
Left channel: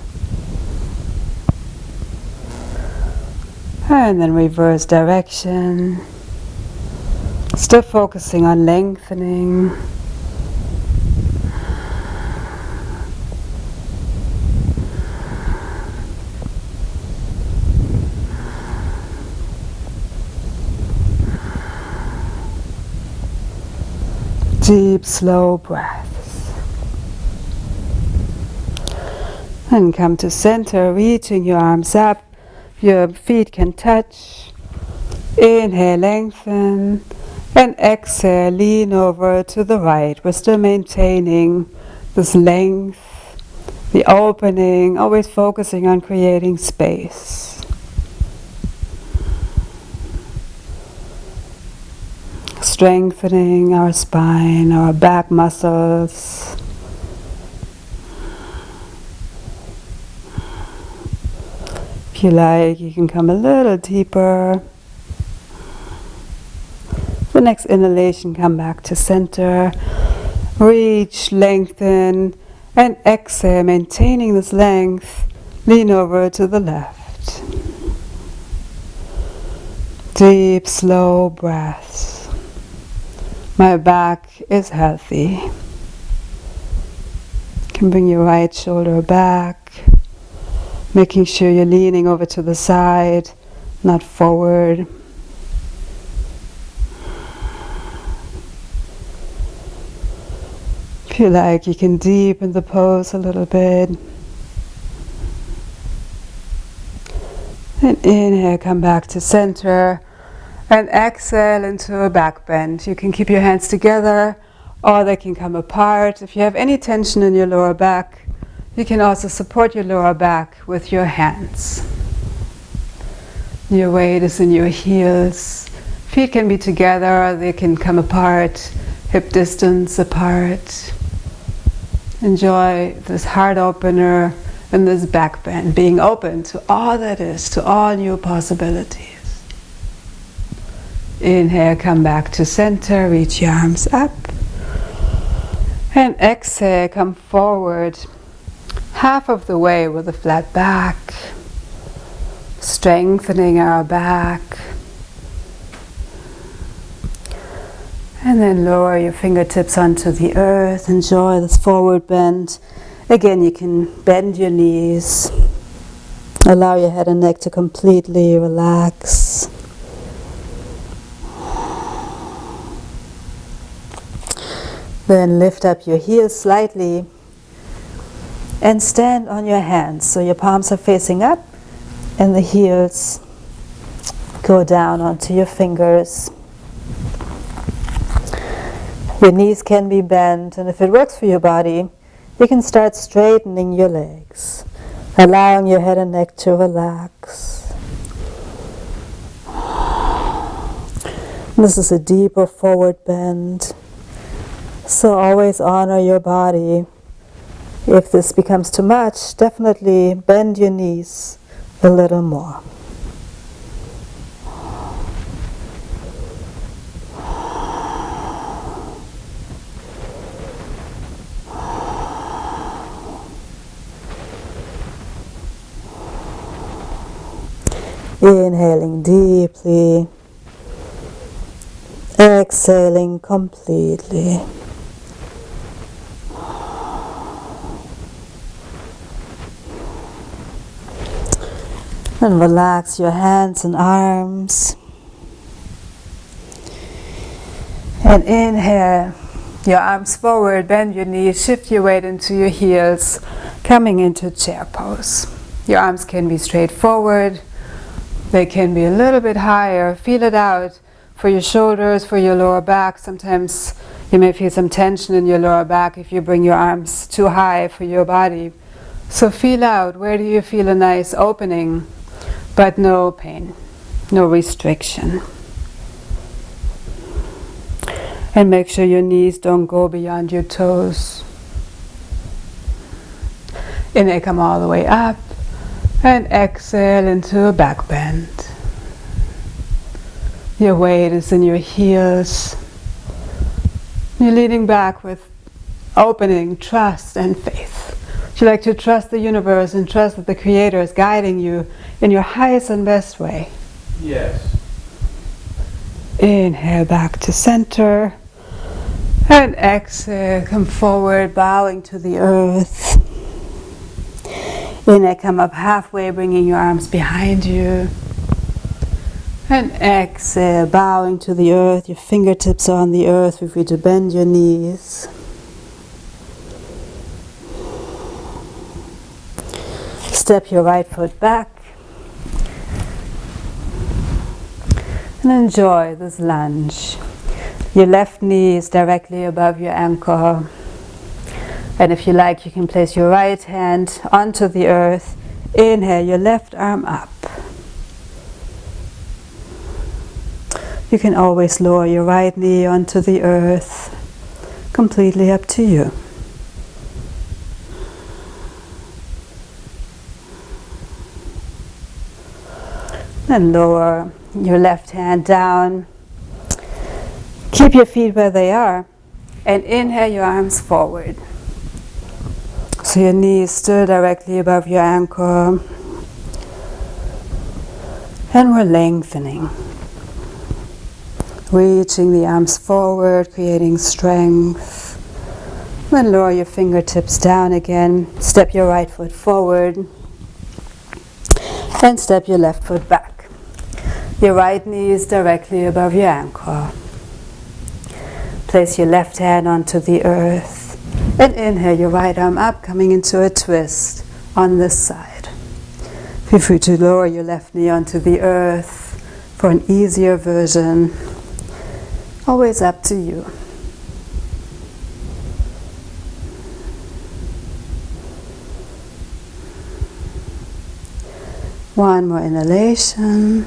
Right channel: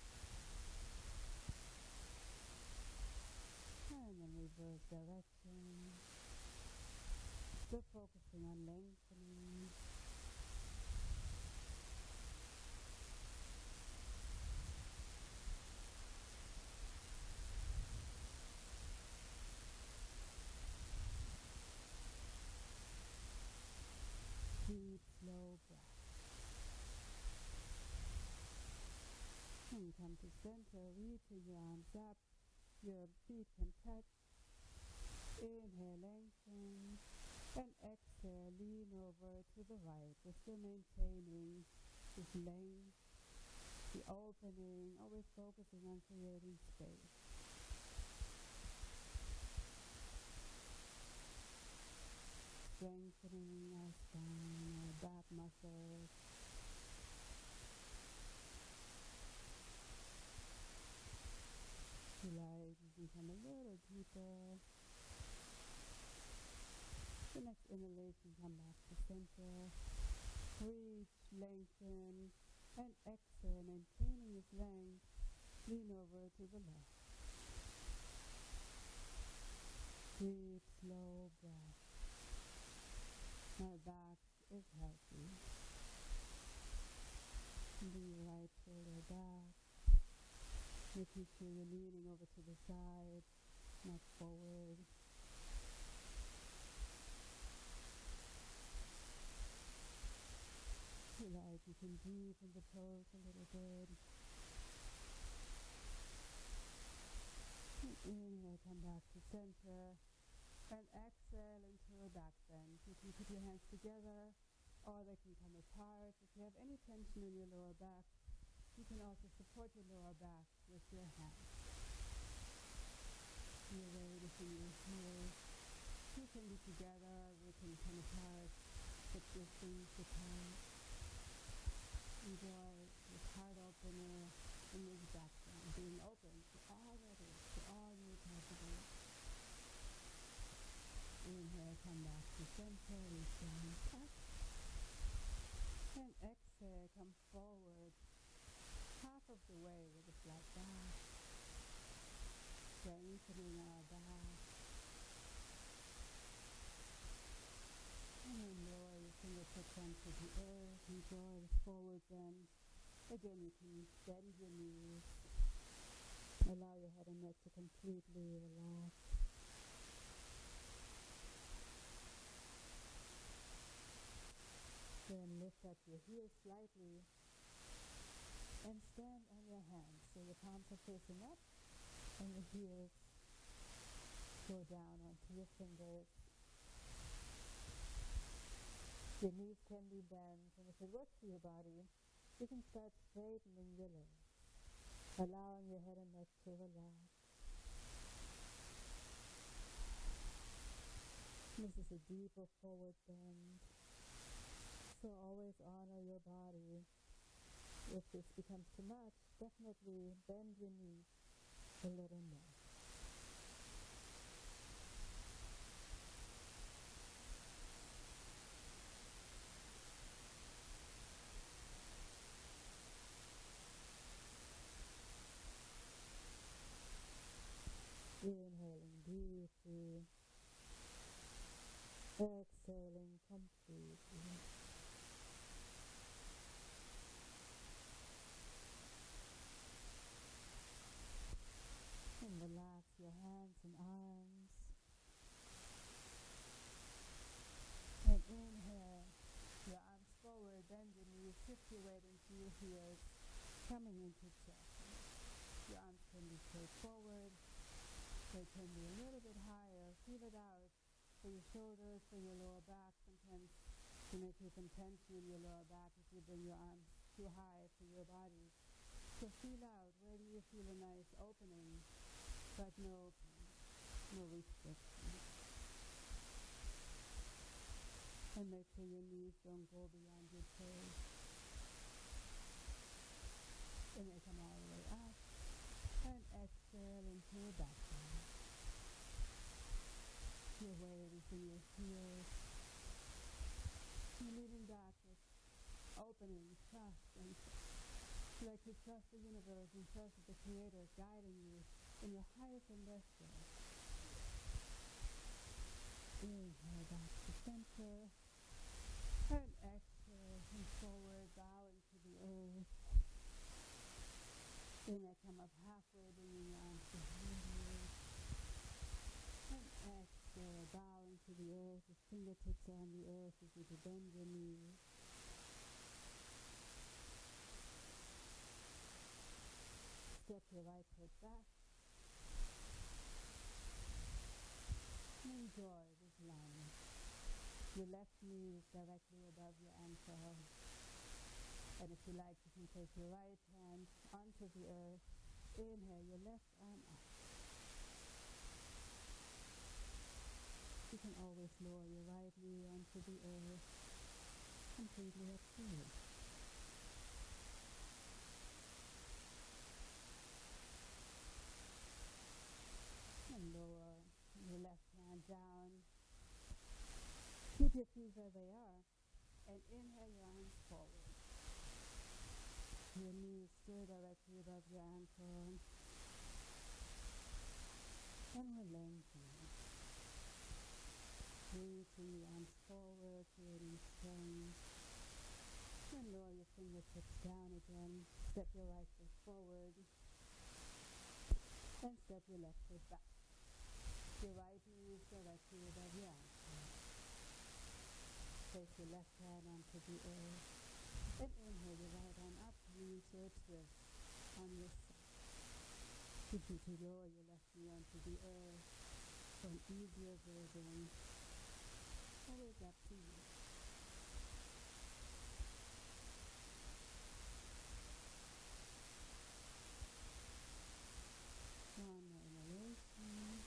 And then reverse direction. Still focusing on lengthening. Deep, slow breaths. And come to center, reaching your arms up. Your feet can touch. Inhale, lengthen. And exhale, lean over to the right. We're still maintaining this length, the opening, always focusing on creating space. Strengthening our spine, our back muscles. If you like, you can come a little deeper. The next inhalation, come back to center. Reach, lengthen, and exhale, maintaining this length. Lean over to the left. Deep, slow breaths. My back is healthy. You can bring your right shoulder back, making sure you're leaning over to the side, not forward. If you like, you can deepen the pose a little bit. And inhale, come back to center. And exhale into a back bend. You can keep your hands together or they can come apart. If you have any tension in your lower back, you can also support your lower back with your hands. Your weight is in your heels. Feet can be together or they can come apart, hip distance apart. Enjoy this heart opener and this back bend, being open to all that is, to all new possibilities. Inhale, come back to center, reach your arms up. And exhale, come forward half of the way with a flat back, strengthening our back. And then lower your fingertips onto the earth. Enjoy this forward bend. Again, you can bend your knees. Allow your head and neck to completely relax. Then lift up your heels slightly and stand on your hands. So your palms are facing up and the heels go down onto your fingers. Your knees can be bent, and if it works for your body, you can start straightening your legs, allowing your head and neck to relax. This is a deeper forward bend, so always honor your body. If this becomes too much, definitely bend your knees a little more. Inhaling deeply, exhaling completely. And relax your hands and arms. And inhale, your arms forward, bend your knees, shift your weight into your heels, coming into chair pose. Your arms can be straight forward. They can be a little bit higher. Feel it out for your shoulders, for your lower back. Sometimes you may feel some tension in your lower back if you bring your arms too high for your body. So feel out, where do you feel a nice opening, but no pain, no restriction. And make sure your knees don't go beyond your toes. Inhale, come all the way up. And exhale into a back bend. Your weight is in your heels. You're leaning back with opening, trust, and faith. Would you like to trust the universe and trust that the Creator is guiding you in your highest and best way? Yes. Inhale back to center. And exhale, come forward, bowing to the earth. Inhale, come up halfway, bringing your arms behind you. And exhale, bowing to the earth. Your fingertips are on the earth. Feel free to bend your knees. Step your right foot back. And enjoy this lunge. Your left knee is directly above your ankle. And if you like, you can place your right hand onto the earth. Inhale, your left arm up. You can always lower your right knee onto the earth. Completely up to you. Then lower your left hand down. Keep your feet where they are. And inhale your arms forward. So your knee is still directly above your ankle. And we're lengthening. Reaching the arms forward, creating strength. Then lower your fingertips down again. Step your right foot forward. And step your left foot back. Your right knee is directly above your ankle. Place your left hand onto the earth. And inhale your right arm up, coming into a twist on this side. Feel free to lower your left knee onto the earth for an easier version. Always up to you. One more inhalation.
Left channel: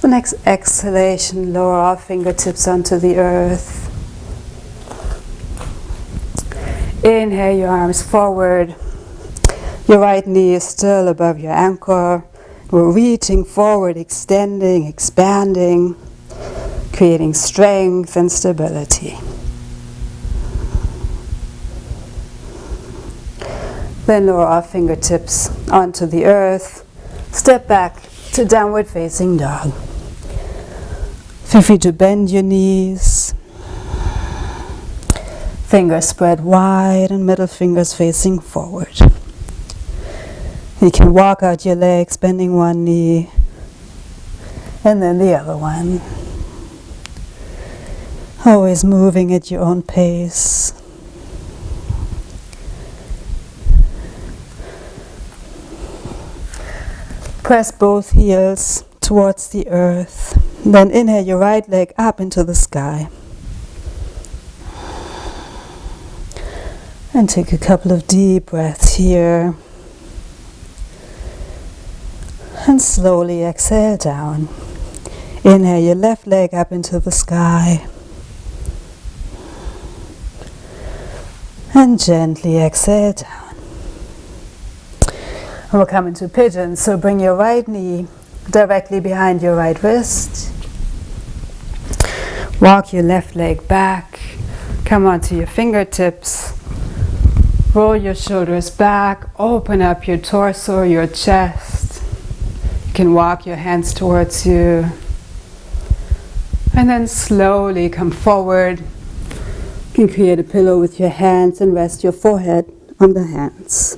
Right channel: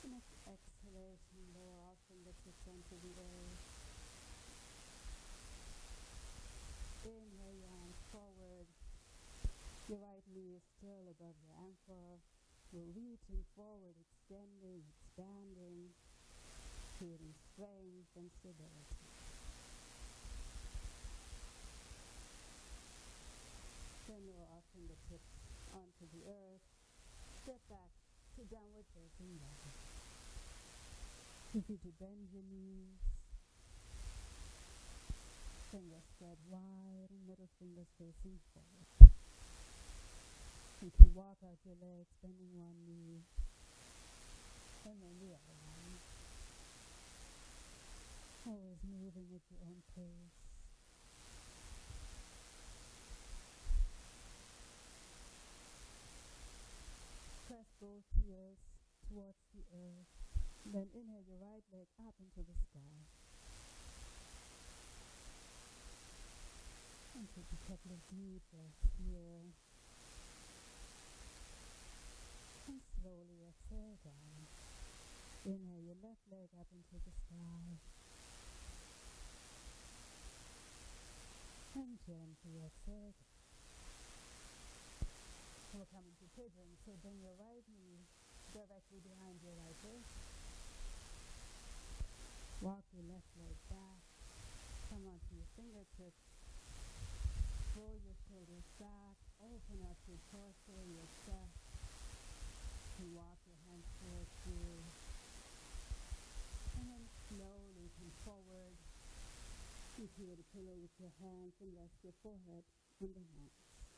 The next exhalation, lower our fingertips onto the earth. Inhale your arms forward. Your right knee is still above your ankle. We're reaching forward, extending, expanding, creating strength and stability. Then lower our fingertips onto the earth. Step back to downward facing dog. Feel free to bend your knees. Fingers spread wide and middle fingers facing forward. You can walk out your legs, bending one knee and then the other one. Always moving at your own pace. Press both heels towards the earth. Then inhale your right leg up into the sky. And take a couple of deep breaths here. And slowly exhale down. Inhale your left leg up into the sky. And gently exhale down. And we'll come into pigeon. So bring your right knee directly behind your right wrist. Walk your left leg back. Come onto your fingertips. Roll your shoulders back. Open up your torso, your chest. You can walk your hands towards you. And then slowly come forward. You can create a pillow with your hands and rest your forehead on the hands.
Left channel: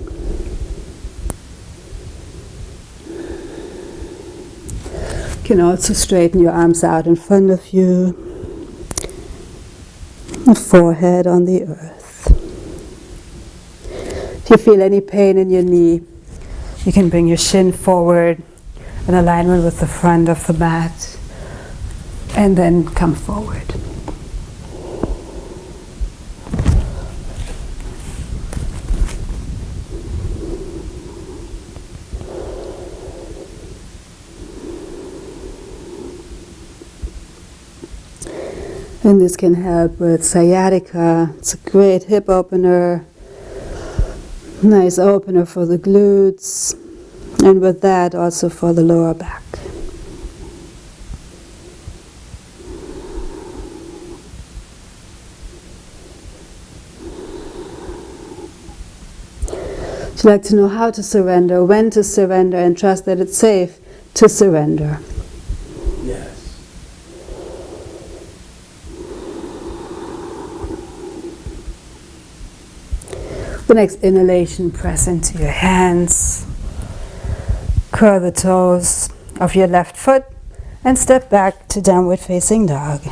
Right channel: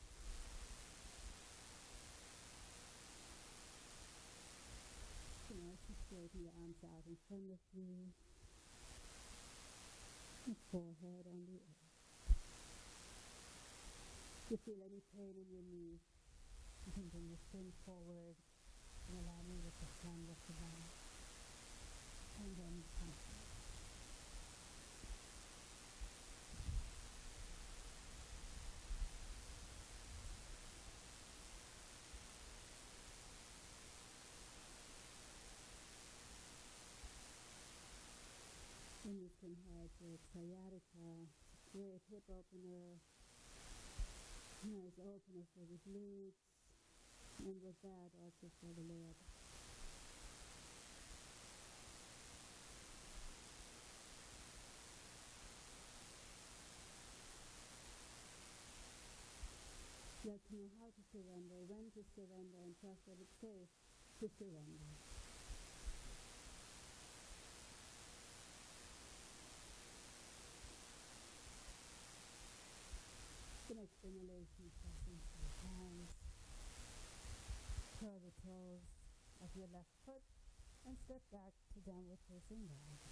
You can also straighten your arms out in front of you. The forehead on the earth. If you feel any pain in your knee, you can bring your shin forward in alignment with the front of the mat. And then come forward. And this can help with sciatica. It's a great hip opener. Nice opener for the glutes. And with that also for the lower back. Would you like to know how to surrender, when to surrender, and trust that it's safe to surrender? Yes. The next inhalation, press into your hands. Curl the toes of your left foot and step back to downward facing dog.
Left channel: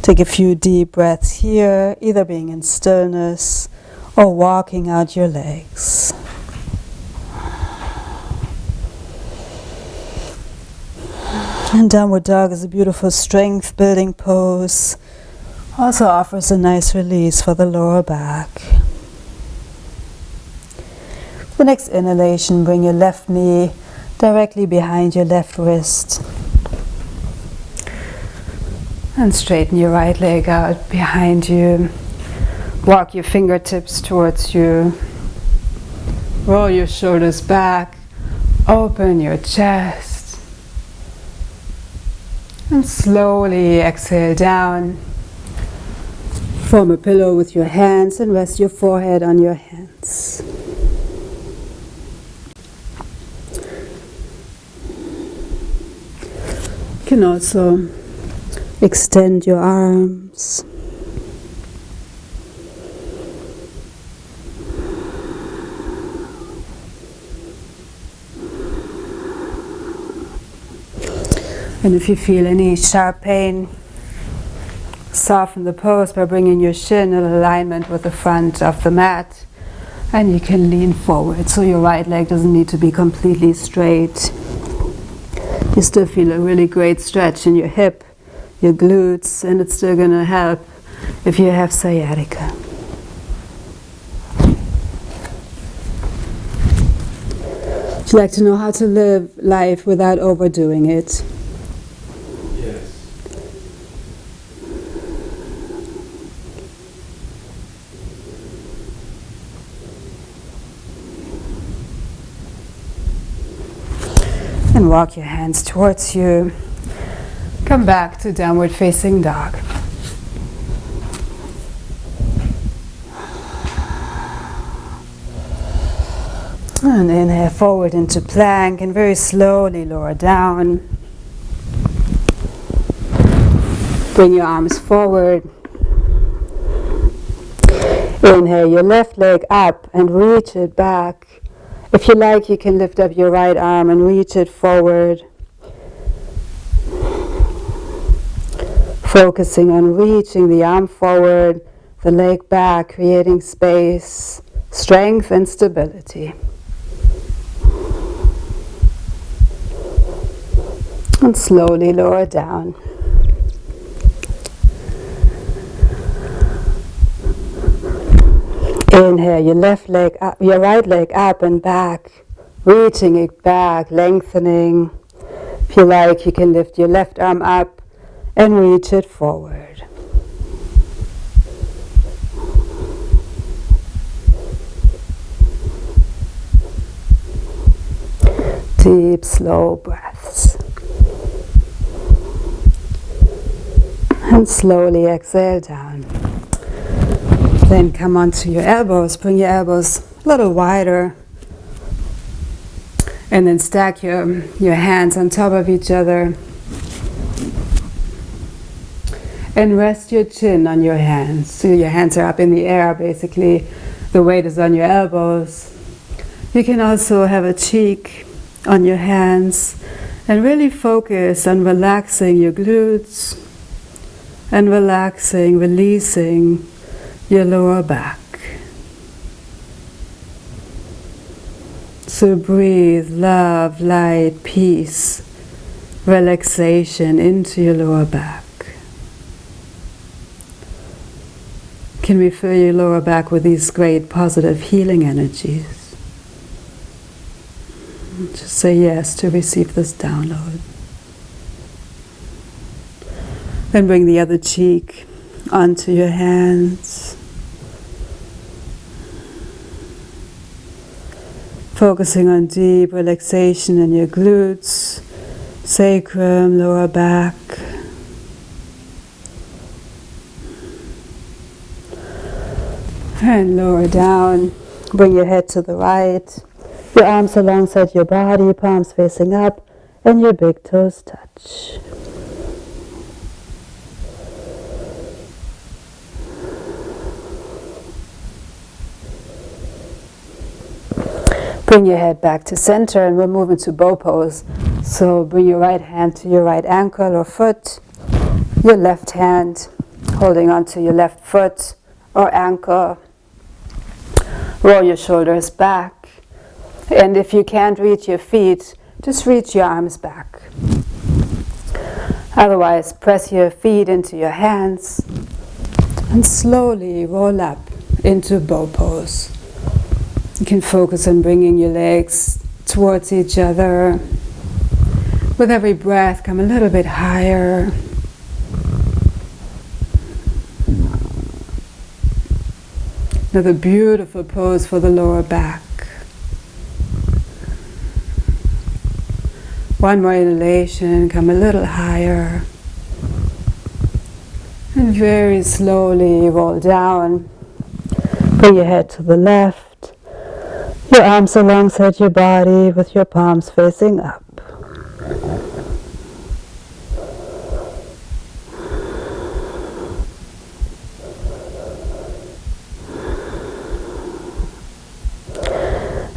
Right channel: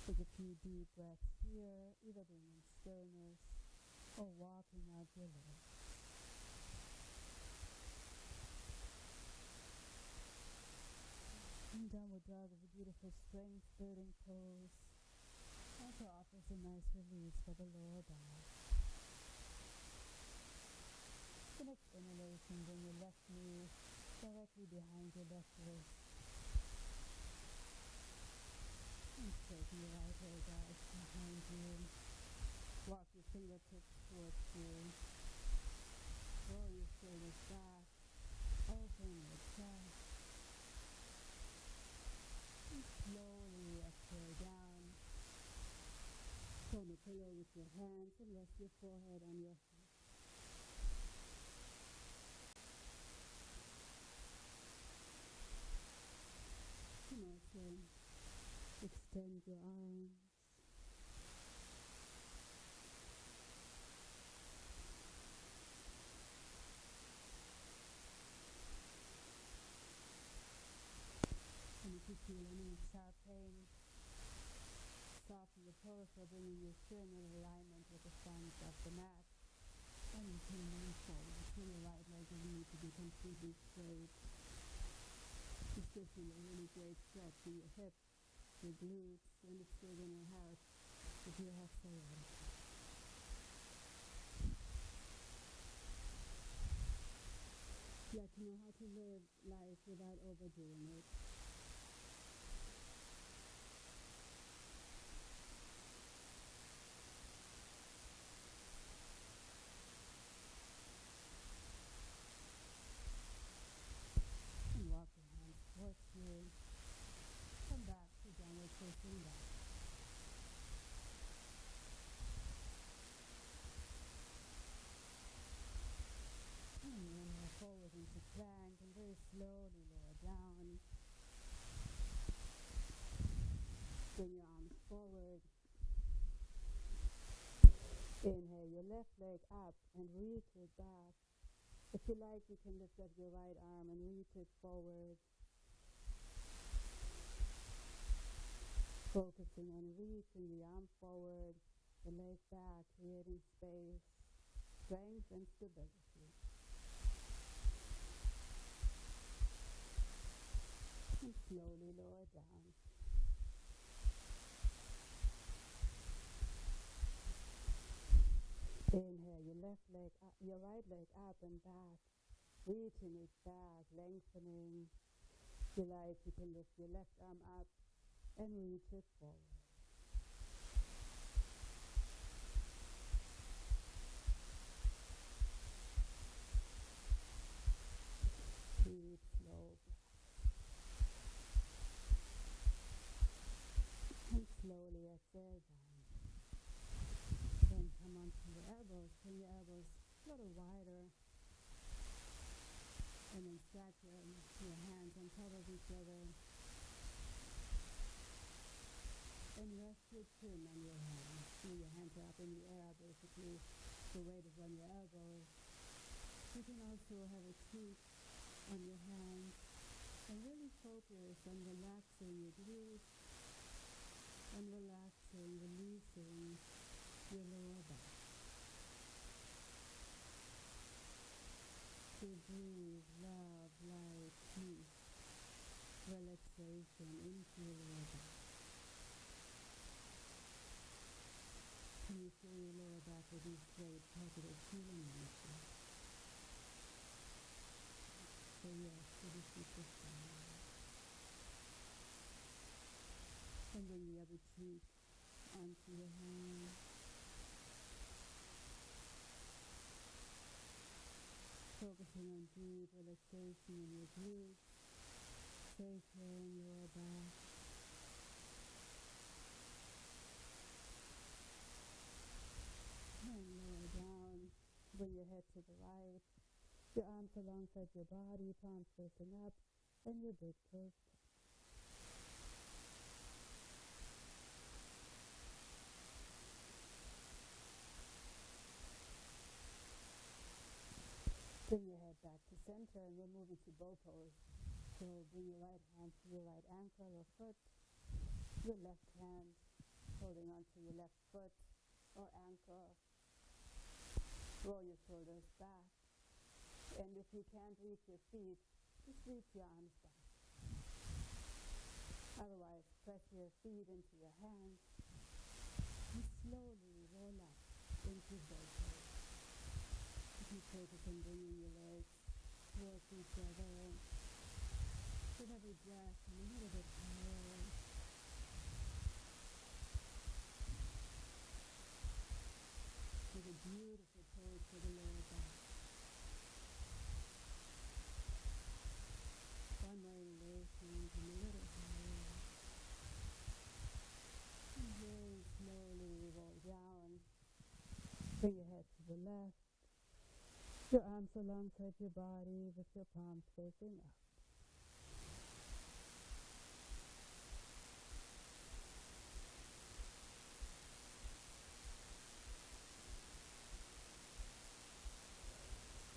Take a few deep breaths here, either being in stillness or walking out your legs. And downward dog is a beautiful strength building pose. Also offers a nice release for the lower back. The next inhalation, bring your left knee directly behind your left wrist. And straighten your right leg out behind you. Walk your fingertips towards you. Roll your shoulders back. Open your chest. And slowly exhale down. Form a pillow with your hands and rest your forehead on your hands. You can also extend your arms. And if you feel any sharp pain, soften the pose by bringing your shin in alignment with the front of the mat. And you can lean forward, so your right leg doesn't need to be completely straight. You still feel a really great stretch in your hip, your glutes, and it's still going to help if you have sciatica. Would you like to know how to live life without overdoing it? Yes. And walk your hands towards you. Come back to downward facing dog. And inhale forward into plank and very slowly lower down. Bring your arms forward. Inhale your left leg up and reach it back. If you like, you can lift up your right arm and reach it forward. Focusing on reaching the arm forward, the leg back, creating space, strength and stability. And slowly lower down. Inhale your left leg up, your right leg up and back, reaching it back, lengthening. If you like, you can lift your left arm up and reach it forward. Deep, slow breaths. And slowly exhale down. Then come onto your elbows, bring your elbows a little wider. And then stack your hands on top of each other. And rest your chin on your hands. So your hands are up in the air, basically. The weight is on your elbows. You can also have a cheek on your hands. And really focus on relaxing your glutes. And relaxing, releasing your lower back. So breathe love, light, peace, relaxation into your lower back. Can we fill your lower back with these great positive healing energies? Just say yes to receive this download. Then bring the other cheek onto your hands. Focusing on deep relaxation in your glutes, sacrum, lower back. And lower down. Bring your head to the right. Your arms alongside your body, palms facing up, and your big toes touch. Bring your head back to center and we'll move into bow pose. So bring your right hand to your right ankle or foot, your left hand holding onto your left foot or ankle. Roll your shoulders back. And if you can't reach your feet, just reach your arms back. Otherwise, press your feet into your hands and slowly roll up into bow pose. You can focus on bringing your legs towards each other. With every breath, come a little bit higher. Another beautiful pose for the lower back. One more inhalation, come a little higher. And very slowly roll down. Bring your head to the left. Your arms alongside your body with your palms facing up.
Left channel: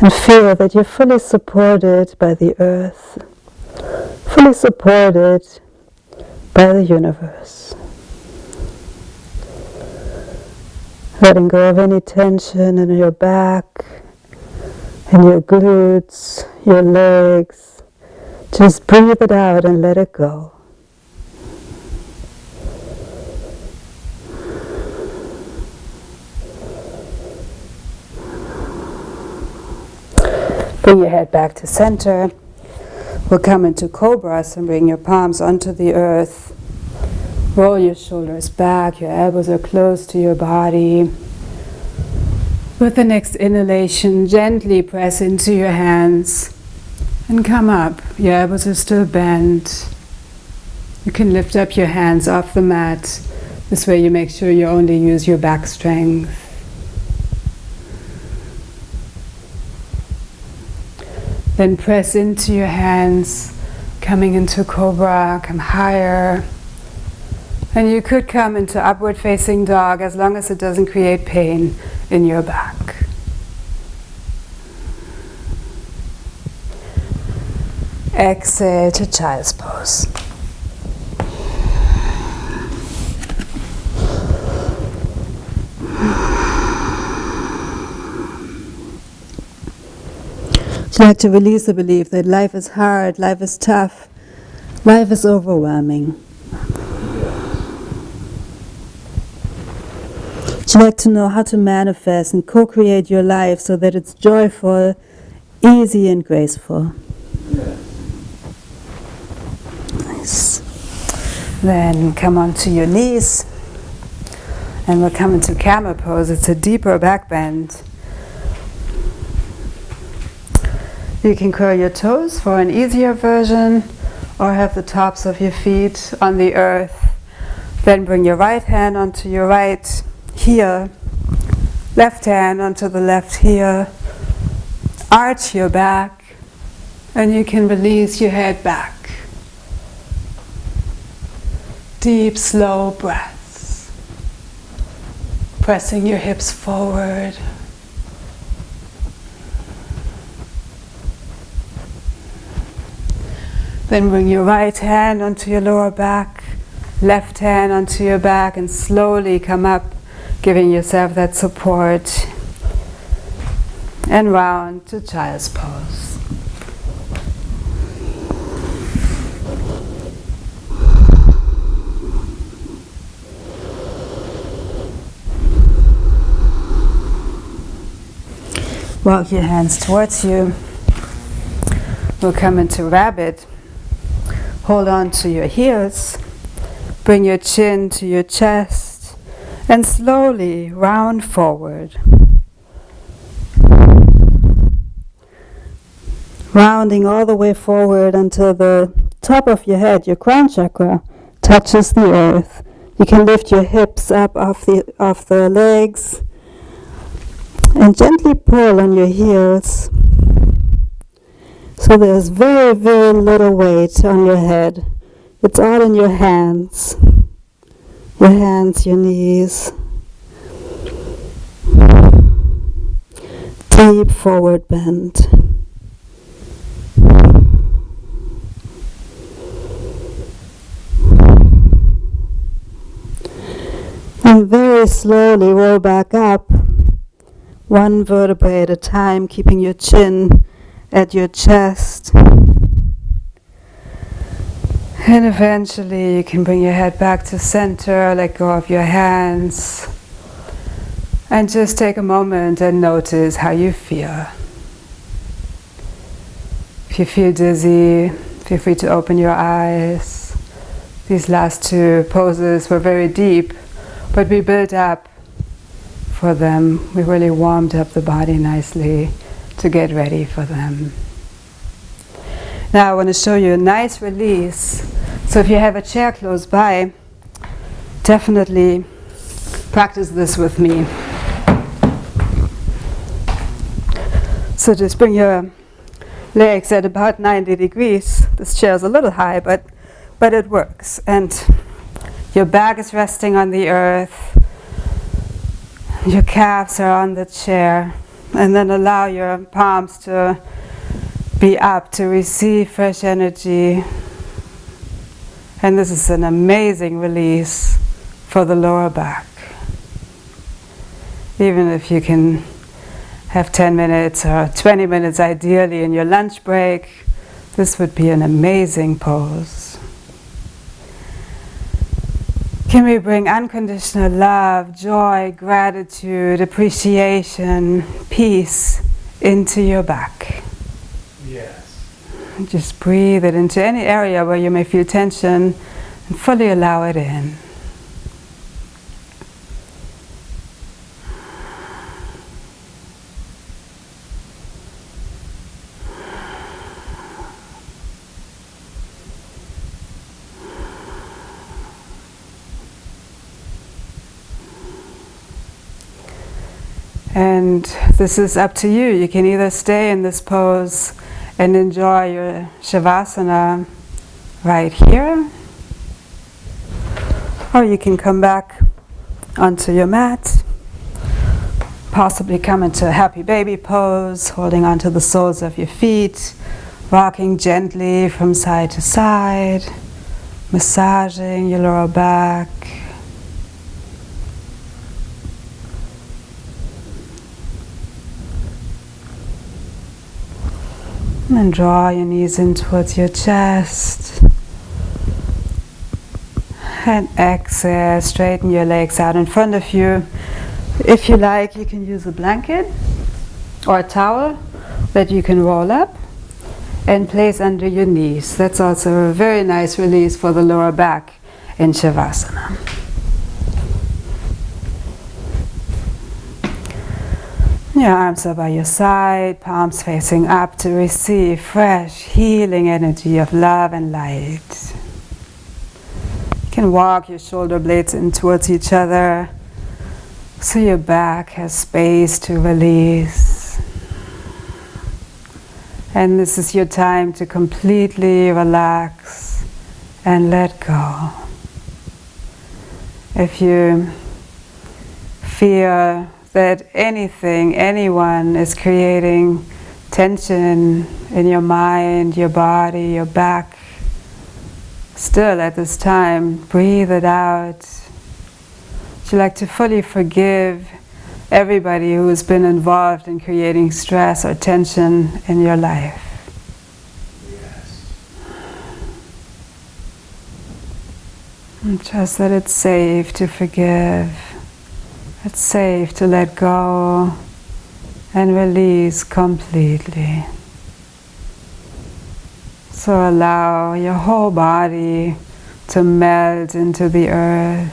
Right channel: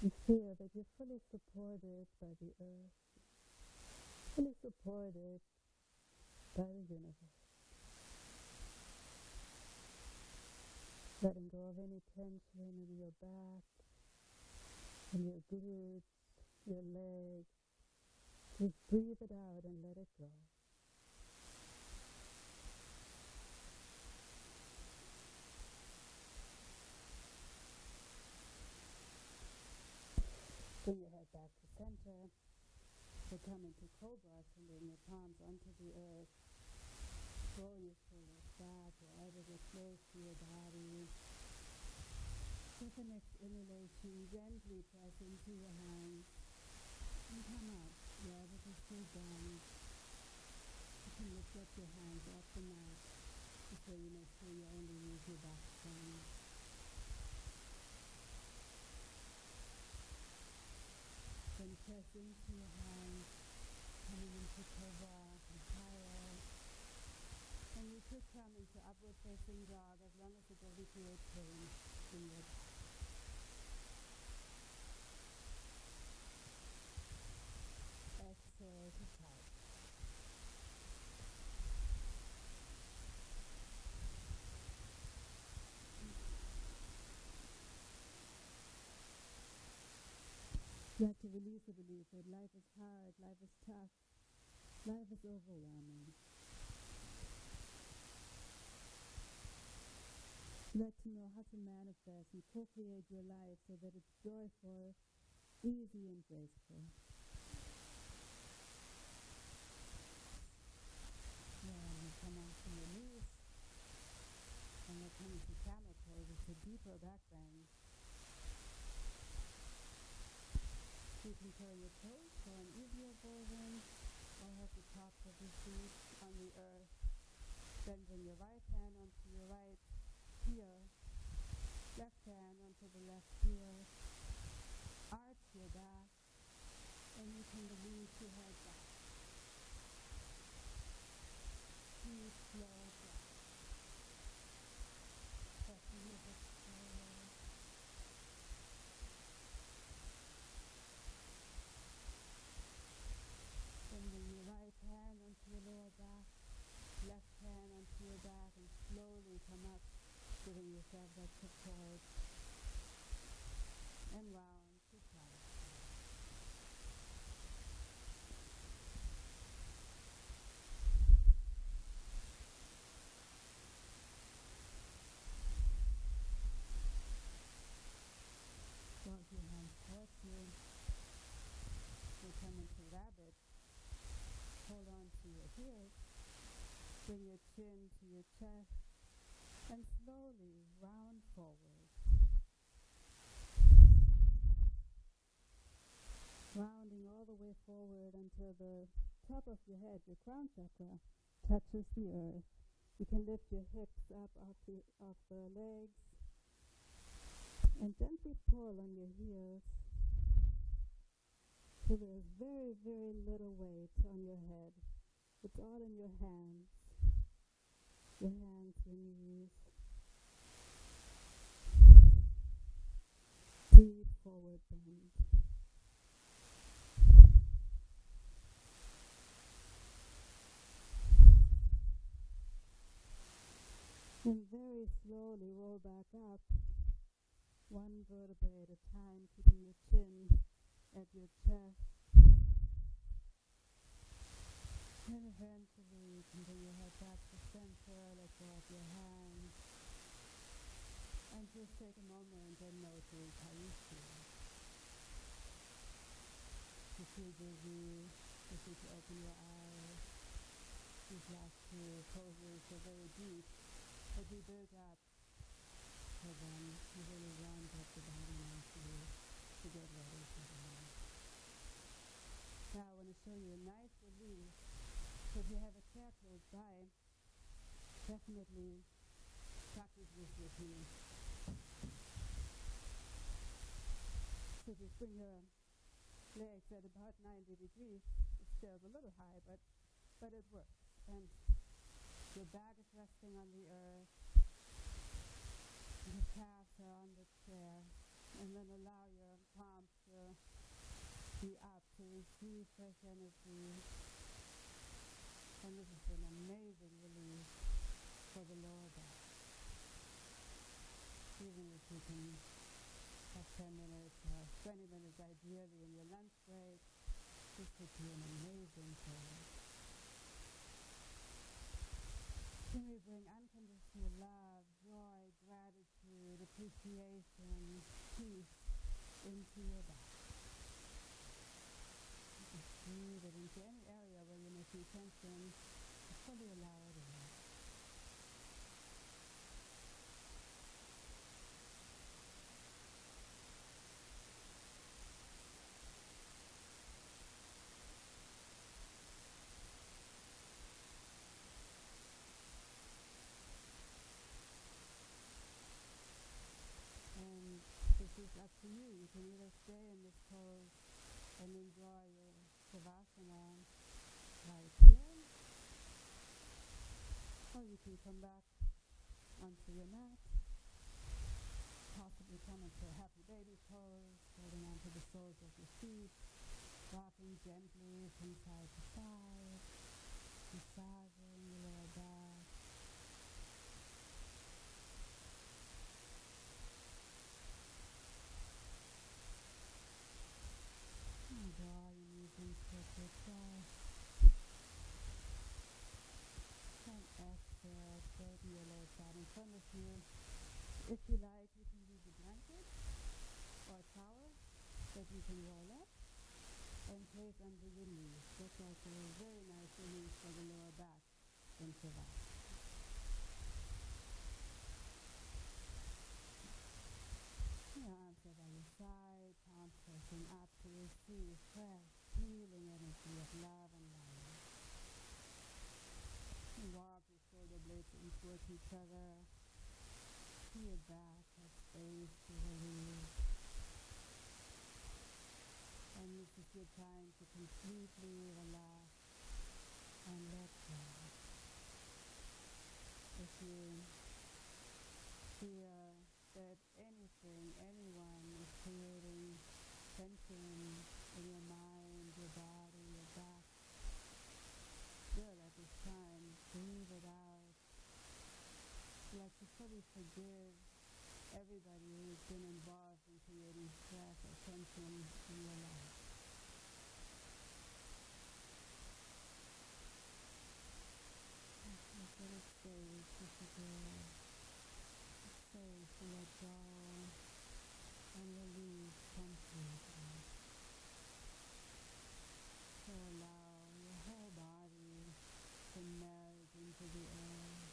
And feel that you're fully supported by the earth, fully supported by the universe. Letting go of any tension in your back, and your glutes, your legs. Just breathe it out and let it go. Bring your head back to center. We'll come into cobras and bring your palms onto the earth. Roll your shoulders back, your elbows are close to your body. With the next inhalation, gently press into your hands and come up. Your elbows are still bent. You can lift up your hands off the mat. This way you make sure you only use your back strength. Then press into your hands, coming into cobra, come higher. And you could come into upward facing dog as long as it doesn't create pain in your back. Exhale to child's pose. Would you like to release the belief that life is hard, life is tough, life is overwhelming? Would you like to know how to manifest and co-create your life so that it's joyful, easy and graceful? Nice. Then come onto your knees and we'll come into camel pose. It's a deeper back bend. You can curl your toes for an easier version or have the tops of your feet on the earth. Then bring your right hand onto your right heel, left hand onto the left heel. Arch your back and you can release your head back. Deep, slow breaths. Pressing your hips forward. Then bring your right hand onto your lower back, left hand onto your back, and slowly come up, giving yourself that support. And round to child's pose. Walk your hands towards you. We'll come into rabbit. Hold on to your heels, bring your chin to your chest, and slowly round forward. Rounding all the way forward until the top of your head, your crown chakra, touches the earth. You can lift your hips up off the legs and gently pull on your heels. So there's very, very little weight on your head. It's all in your hands. Your hands, your knees. Deep forward bend. And very slowly roll back up, one vertebrae at a time, keeping your chin at your chest. And eventually you can bring your head back to center, let go of your hands, and just take a moment and notice how you feel. If you feel dizzy, feel free to open your eyes. These last two poses were very deep, but we built up for them. We really warmed up the body nicely to get ready for them. Now I want to show you a nice release. So if you have a chair close by, definitely practice this with me. So just bring your legs at about 90 degrees. This chair is a little high, but it works. And your back is resting on the earth. Your calves are on the chair. And then allow your palms to be up to receive fresh energy. And this is an amazing release for the lower back. Even if you can have 10 minutes or 20 minutes ideally in your lunch break, this would be an amazing pose. Can we bring unconditional love, joy, gratitude, appreciation, peace into your back? Yes. Just breathe it into any area where you may feel tension and fully allow it in. And this is up to you. You can either stay in this pose and enjoy your Shavasana right here, Or you can come back onto your mat, possibly come into a happy baby pose, holding onto the soles of your feet, rocking gently from side to side, massaging your lower back. And then draw your knees in towards your chest. And exhale, straighten your legs out in front of you. If you like, you can use a blanket or a towel that you can roll up and place under your knees. That's also a very nice release for the lower back in Shavasana. Your arms are by your side, palms facing up to receive fresh, healing energy of love and light. You can walk your shoulder blades in towards each other so your back has space to release. And this is your time to completely relax and let go. If you feel that anything, anyone is creating tension in your mind, your body, your back, still at this time, breathe it out. Would you like to fully forgive everybody who has been involved in creating stress or tension in your life? Yes. And trust that it's safe to forgive. It's safe to let go and release completely. So allow your whole body to melt into the earth,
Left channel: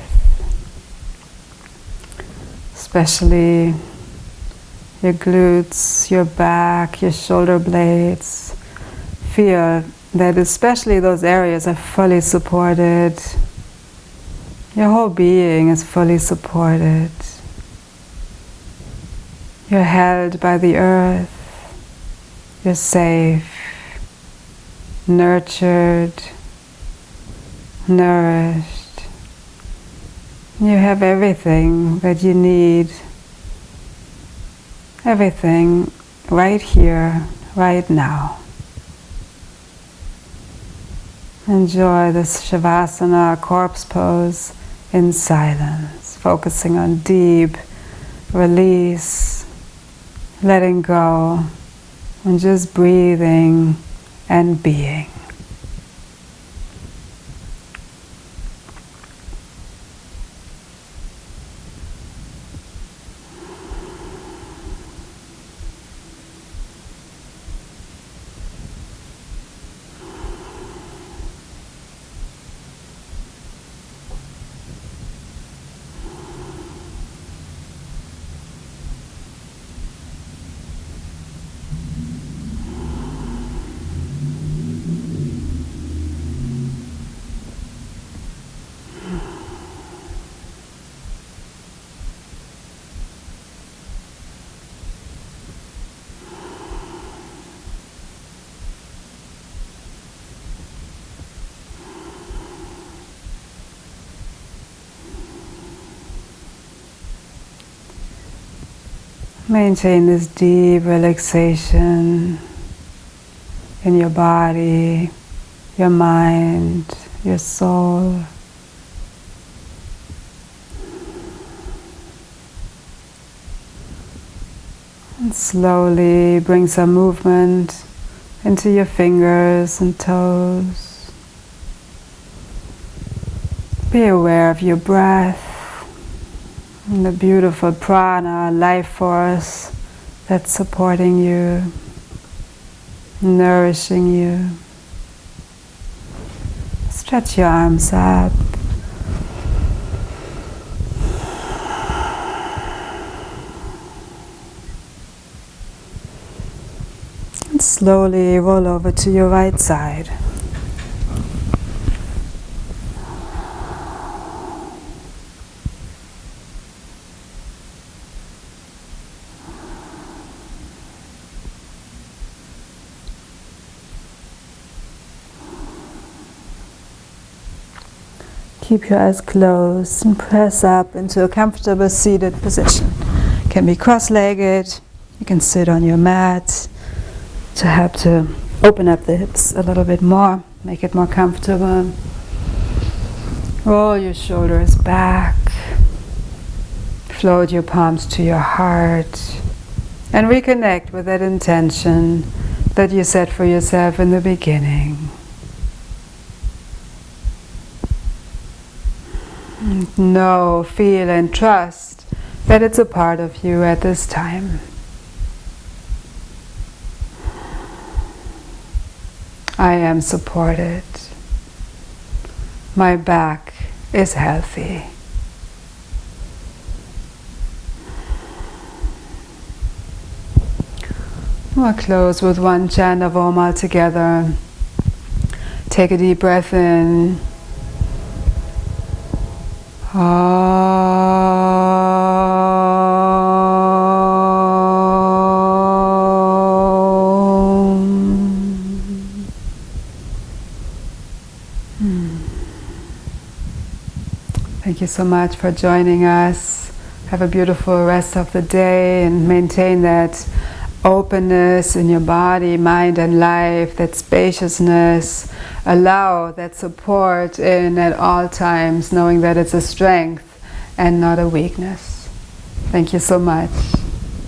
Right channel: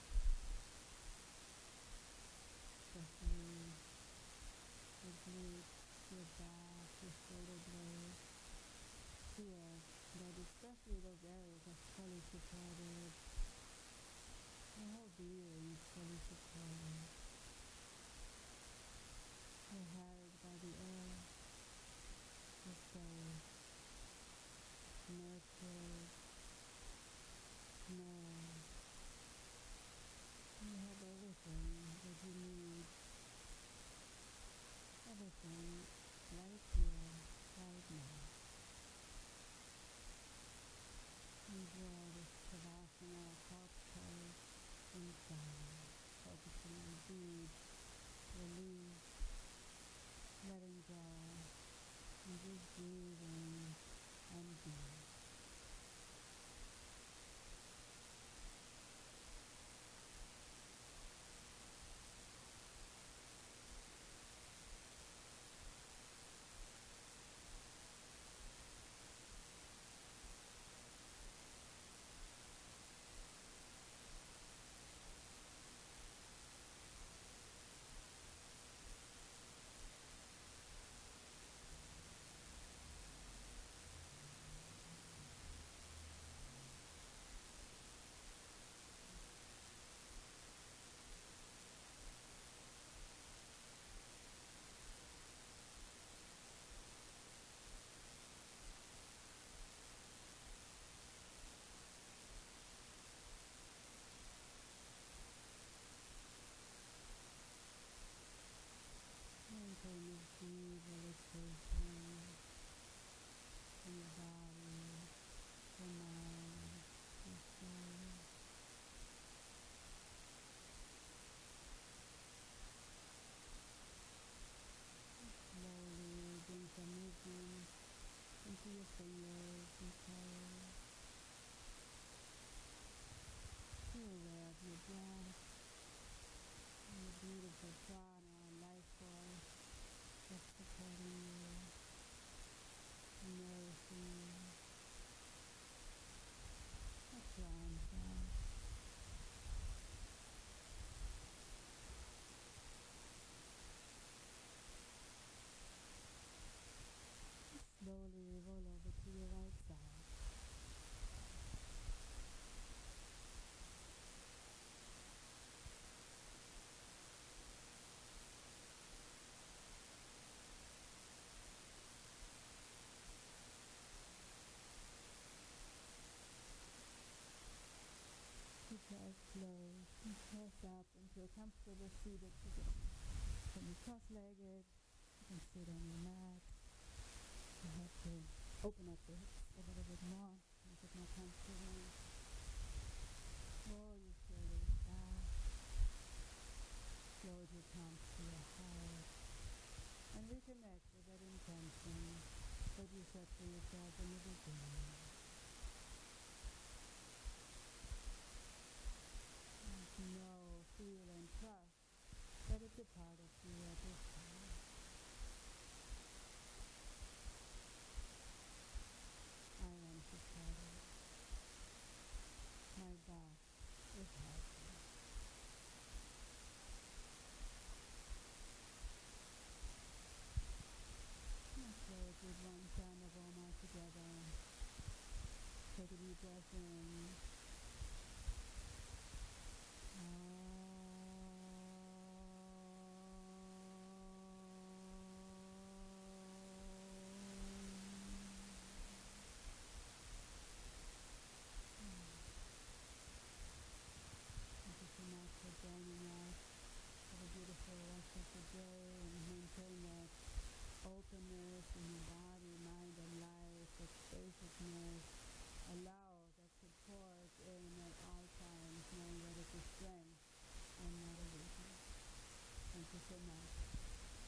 especially your glutes, your back, your shoulder blades. Feel that especially those areas are fully supported. Your whole being is fully supported. You're held by the earth. You're safe, nurtured, nourished. You have everything that you need. Everything right here, right now. Enjoy this Shavasana, corpse pose, in silence, focusing on deep release, letting go, and just breathing and being. Maintain this deep relaxation in your body, your mind, your soul. And slowly bring some movement into your fingers and toes. Be aware of your breath and the beautiful prana, life force that's supporting you, nourishing you. Stretch your arms up. And slowly roll over to your right side. keep your eyes closed and press up into a comfortable seated position. It can be cross-legged. You can sit on your mat to help to open up the hips a little bit more, make it more comfortable. Roll your shoulders back. Float your palms to your heart. And reconnect with that intention that you set for yourself in the beginning. Know, feel, and trust that it's a part of you at this time. I am supported. My back is healthy. We'll close with one chant of Om all together. Take a deep breath in. Thank you so much for joining us. Have a beautiful rest of the day and maintain that openness in your body, mind and life, that spaciousness. Allow that support in at all times, knowing that it's a strength and not a weakness. Thank you so much.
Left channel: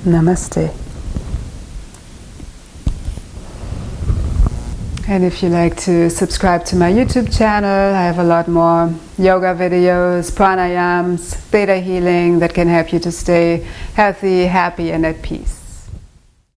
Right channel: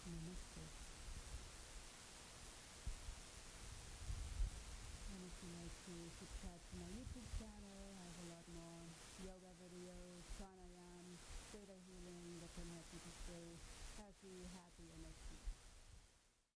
Namaste. And if you like to subscribe to my YouTube channel, I have a lot more yoga videos, pranayams, theta healing that can help you to stay healthy, happy, and at peace.